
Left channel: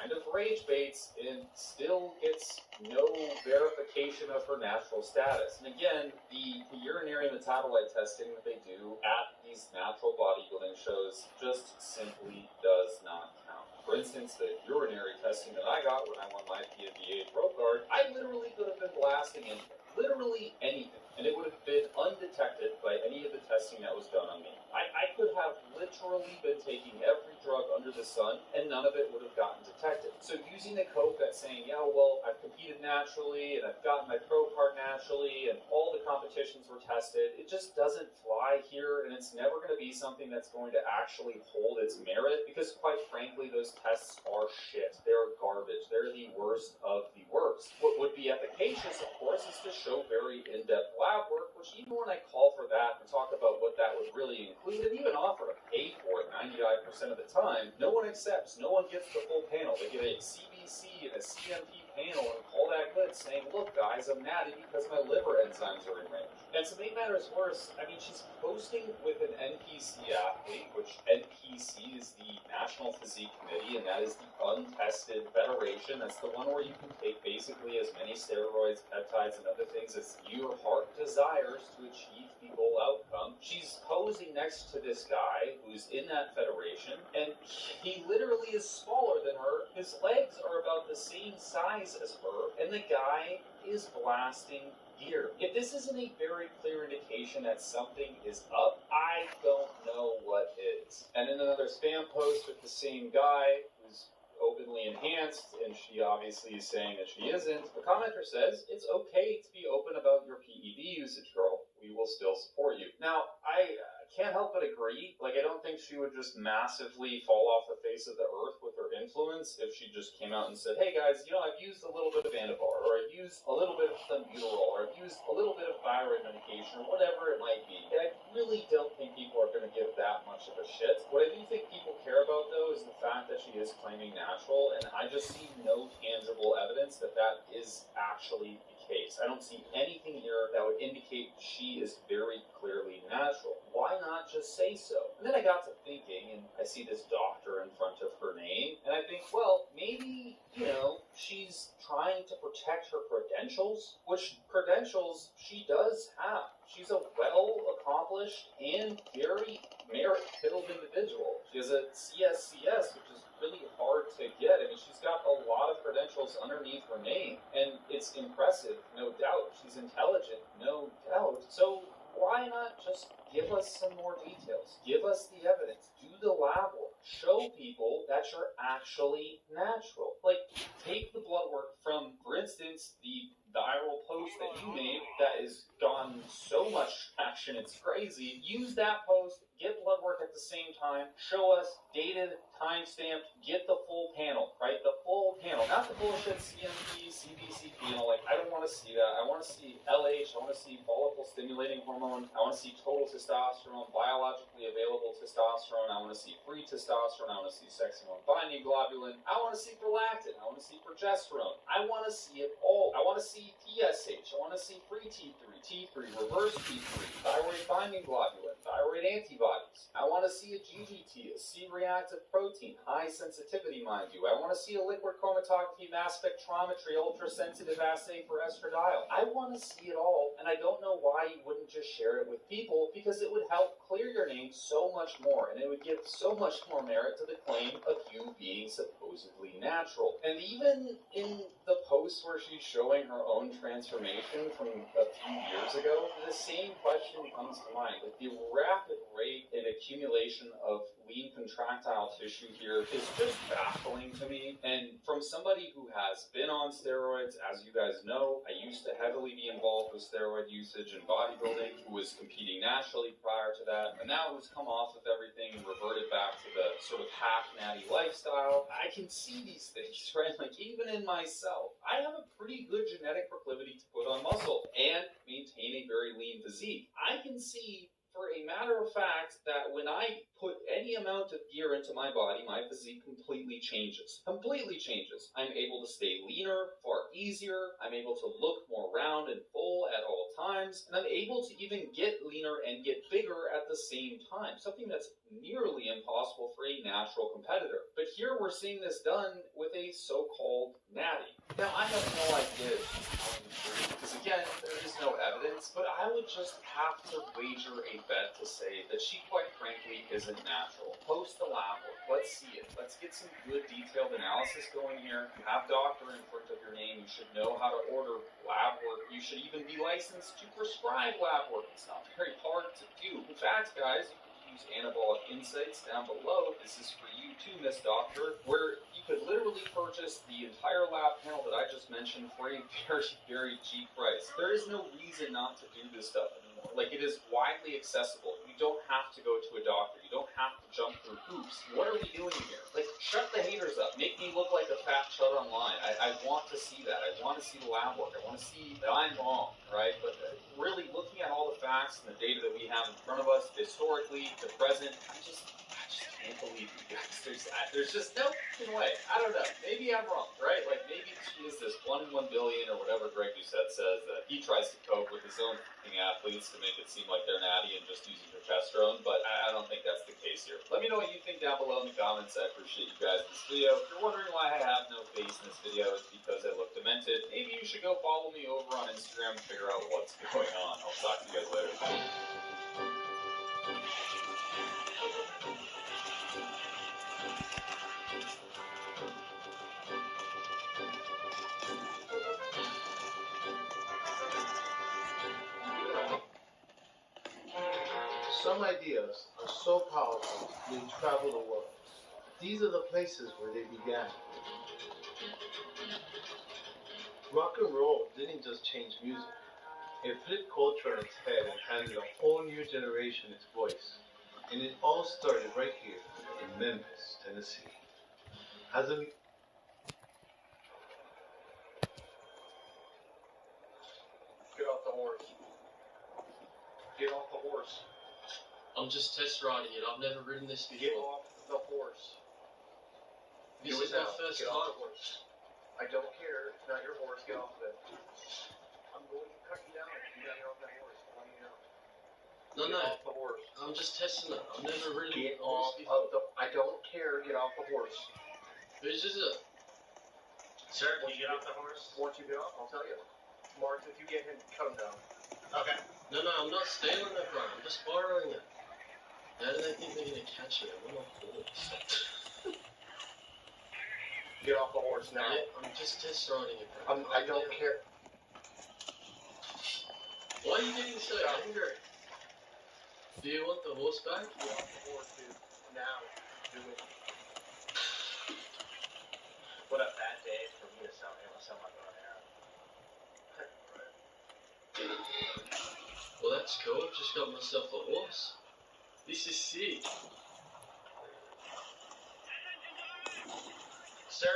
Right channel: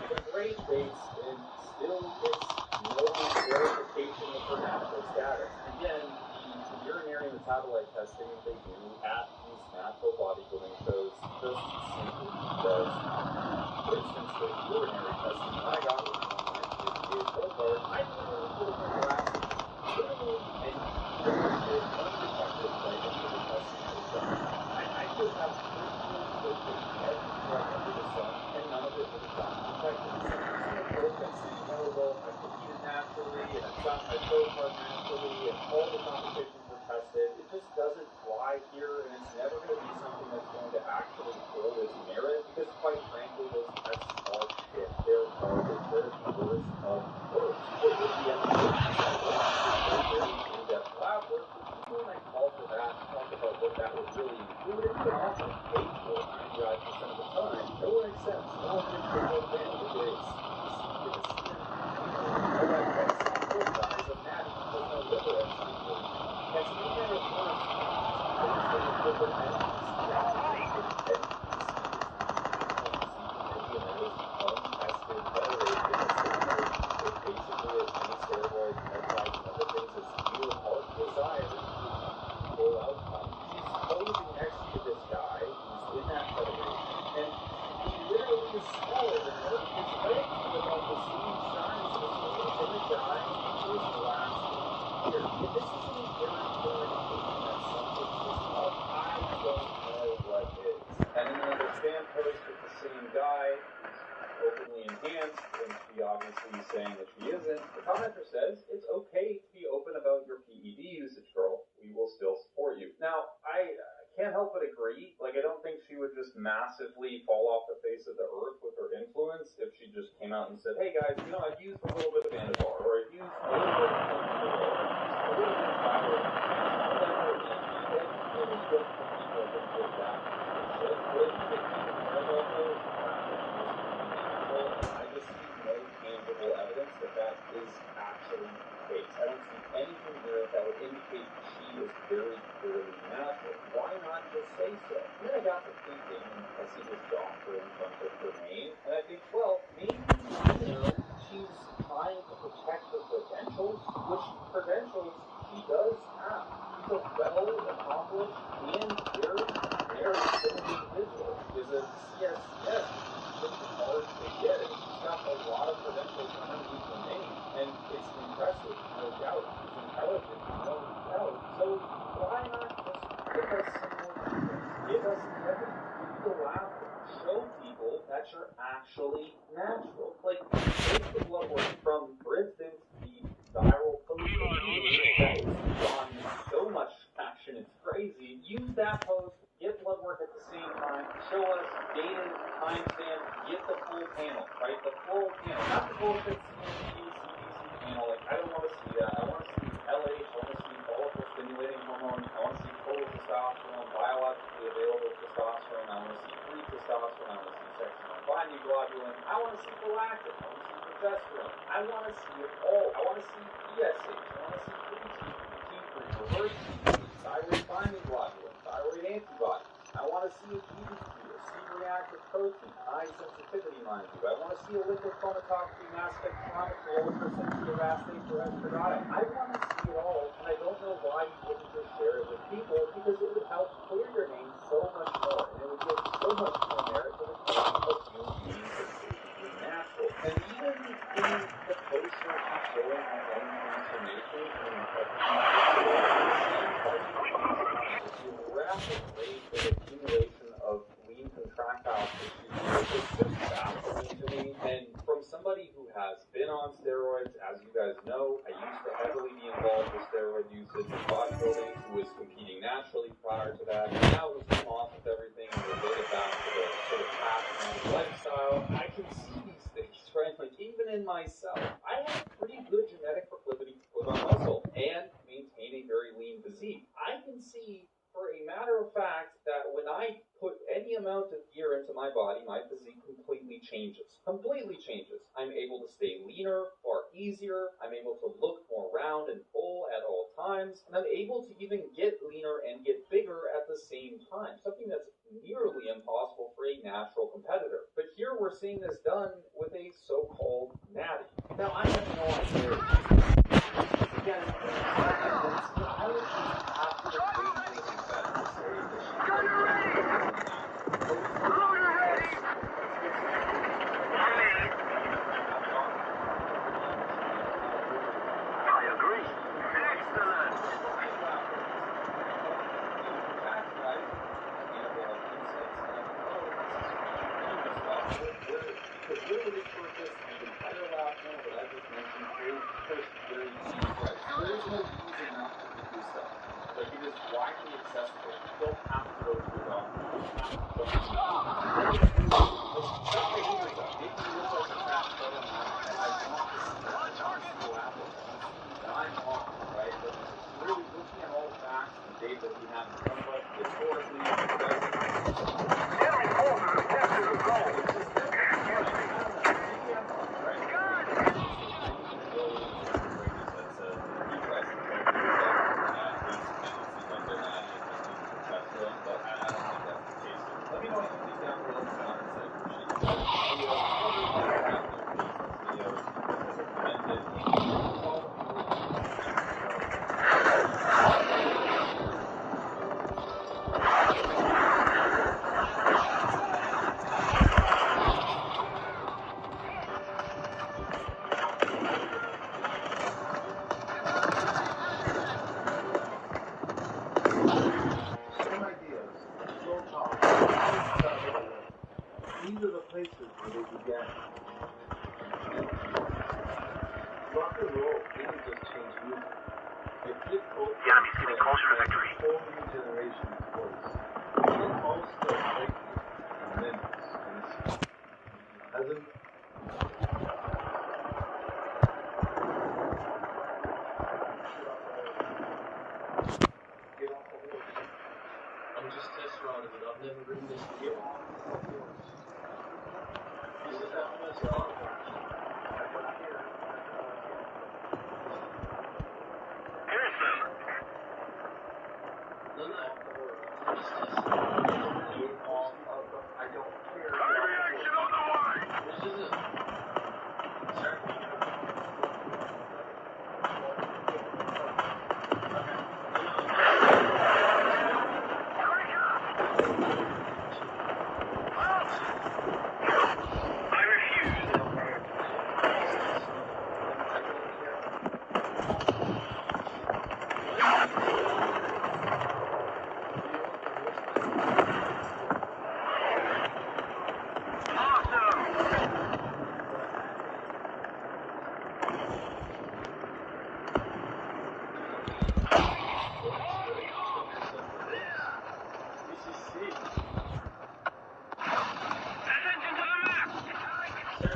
kind of rage baits and still gets no verification of her natural status. And again, the urinary metabolite testing that they do at these natural bodybuilding shows just simply does not. For instance, the urinary testing that I got when I won my PFBA pro card, I literally would have been blasting it literally anything. It would have been undetected by any of the testing that was done. I could have literally been taking every drug under the sun, and none of it would have gotten detected. So using a quote that's saying, oh, well, I've competed naturally, and I've gotten my pro card naturally, and all the competitions were tested, it just doesn't fly here, and it's never going to be something that's going to actually hold its merit, because quite frankly, those tests are shit. They're garbage. They're the worst of the worst. With the applications that was, they're very in-depth lab work, which even when I call for that and talk about what that would really include, and even offer to pay for it 99% of the time, no one accepts. No one gives the whole panel. They get a CBC and a CMP panel and all that good saying, look guys, I'm natty because my liver enzymes are in there. And to make matters worse, I mean, she's posted with an NPC athlete, which NPC is the National Physique Committee, and that is the untested federation. It's the one where you can take basically as many steroids, peptides, and other things as your heart desires to achieve the goal outcome. She's posing next to this guy who's in that federation, and he literally is smaller than her. His legs are about the same size as her, and the guy is blasting here. If this isn't a very clear indication that something is up, I don't know what is. And then another spam post with the same guy who's openly enhanced, and she obviously is saying that she isn't. The commenter says, it's okay to be open about your PED usage, girl. We will still support you. Now, I can't help but agree. Like, I don't think she would just massively fall off the face of the earth with her influence if she just came out and said, hey guys, you know, I've used a little bit of Anabar, or I've used a little bit of Flamingo, or I've used a little bit of flower information, whatever it might be. But I really don't think people are going to give that much of a shit. What I do think people care about, though, is the fact that she was claiming natural, and I just see no tangible evidence that that is actually the case. I don't see anything here that would indicate she is very clearly natural. Why not just say so? And then I got to thinking, and I see this doctor in front of her name, and I think, well, maybe, you know, she's trying to protect her credentials, which credentials she does have. She's a well-accomplished and very merit-filled individual. She has a CSCS, which is pretty hard to get. I mean, she's got a lot of credentials underneath her name, and it's impressive, no doubt. She's intelligent, no doubt. So why not just give us some more details? Give us the evidence. Do the lab work. Show people that you're actually natural. Like, take the blood work from, for instance, the viral post that you made that has gone so much traction reaction. It's crazy. Use that post, get blood work at the same time, show us dated, timestamp, get the full panel, right? The full panel, not the bullshit CNP, CBC panel. Like, I don't want to see that. I want to see LH, I want to see follicle stimulating hormone, I want to see total testosterone, biologically available testosterone, I want to see free testosterone, I want to see sex hormone binding globulin, I want to see prolactin, I want to see progesterone, I want to see it all. I want to see TSH, I want to see free T3, T3, reverse T3, thyroid binding globulin, thyroid antibodies. I want to see a GGT, a C-reactive protein, high sensitivity, mind you. I want to see a liquid chromatography, mass spectrometry, ultrasensitive assay for estradiol. I want to see it all, and I don't know why you wouldn't just share it with people, because it would help clear your name so much more, and it would give so much more merit to the claim of you being supposedly natural. And even in the post where she's showing her own transformation from a few years ago, the same question comes to mind. The rapid rate of accumulation of lean contractile tissue here is just baffling to me. And from somebody who has been on steroids, as you guys know, I used to heavily be involved with steroid usage in bodybuilding, who was competing naturally prior to that, and now who's come off of everything and reverted back to the sort of half-natty lifestyle. I can see these things, right? Like, even in myself, I have a pretty good genetic proclivity to put on muscle and maintain a very lean physique. I can see, for a matter of fact, that when I put any amount of gear into my body, my physique completely changes. Completely changes. I'm able to stay leaner, far easier. I'm able to look more round and full at all times. And I'm able to even get leaner and get bigger at the same time. Something that's nearly impossible for a natural competitor. But here we're seeing this done with a so-called natty. Now, I have no idea. Because again, there's no evidence, but I would just have to wager a bet to say that she quite frankly isn't natural. Post the lab, let's see it. Let's get some good detailed analysis going here. Have doctors for her name. You should know how to order lab work. You should even be licensed to prescribe lab work. It's very hard to do. In fact, guys, use anabolic insights down below. This is for you too, Miss Doctor, where you could literally purchase the entire lab panel that I just mentioned for a very, very cheap price. There is no reason not to do this stuff. Like, it is widely accessible. You don't have to go to a doctor. You don't have to jump through hoops. What are we doing? Like, shut the haters up. Make me look like a fat chud online. I want to see that. I want to see the lab work. I want to see that I'm wrong, right? But really looking at all the facts and the data that we have in front of us, historically, the present, there's just no point. I don't know. Maybe I'm wrong, right? Like, maybe it's this 1 billion or whatever Greg Doucette says that he tries to cope with himself from athletes to make it seem like they're natty and just using progesterone, but I don't think that's the case here. Let me know what you think down below in the comments. I appreciate you guys in this video. If you're wondering why I have no face in this video, it's because as I commented, maybe you should go follow me over on Instagram and figure out what's Some ideas are so powerful they travel the world. These are the places where they began. Rock and roll didn't just change music. It flipped culture on its head and gave a whole new generation its voice. And it all started right here in Memphis, Tennessee. As a Get off the horse. I'm just test riding it. I've never ridden this before. Get off the horse. This is my first time. I don't care. Turn your horse. Get off it. No. Get off the horse. I'm just testing it. I've never ridden get off of the. I don't care. Get off the horse. Which is it? Sir, can you get off the horse? Once you get off, I'll tell you. Or if you get Okay. No, I'm not scared. Just walk over. I don't think I'm gonna catch it. I refuse. get off the horse now. Yeah, just test riding it. I don't care. Why are you making so angry? Do you want the horse back? Awesome. What a bad day. Well, that's cool. Just got me see. Attention to the map! Sir,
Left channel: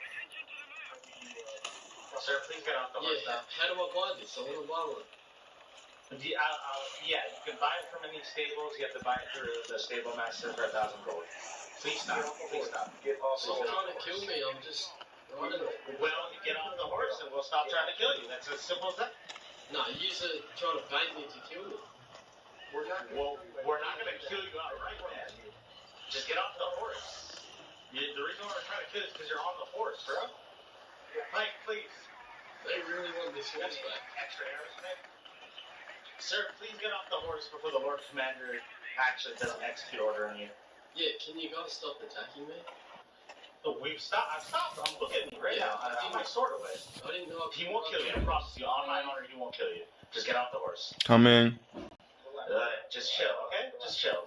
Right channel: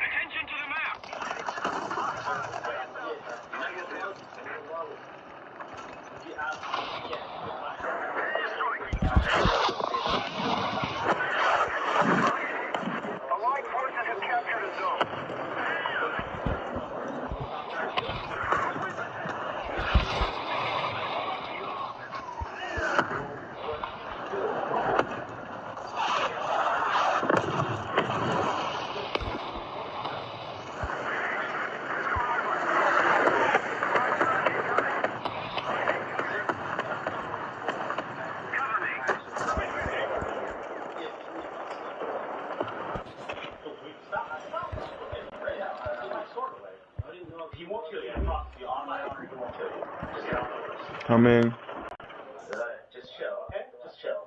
Attention to the map! sir, please get off the horse now. How do I block it? Someone will block it. Yeah, you can buy her and then stay close, you have to buy her and then stay behind, sit right down. Please stop, please stop. So they're trying to kill me, I'm just running. Well, you get off the horse and we'll stop trying to kill you. It's as simple as that. No, I'm just saying, you're trying to fight me. Well, we're not going to kill you. Get off the horse. Get off the horse, bro. Like, please. Sir, please get off the horse before the horse commander actions this next door. Yeah, can you guys stop attacking me? We've stopped. I've stopped. I'm looking at him right now. I have my sword away. I didn't know. He won't kill you. I promise you. On my honor, he won't kill you. Just get off the horse. Coming. Just chill, okay? Just chill.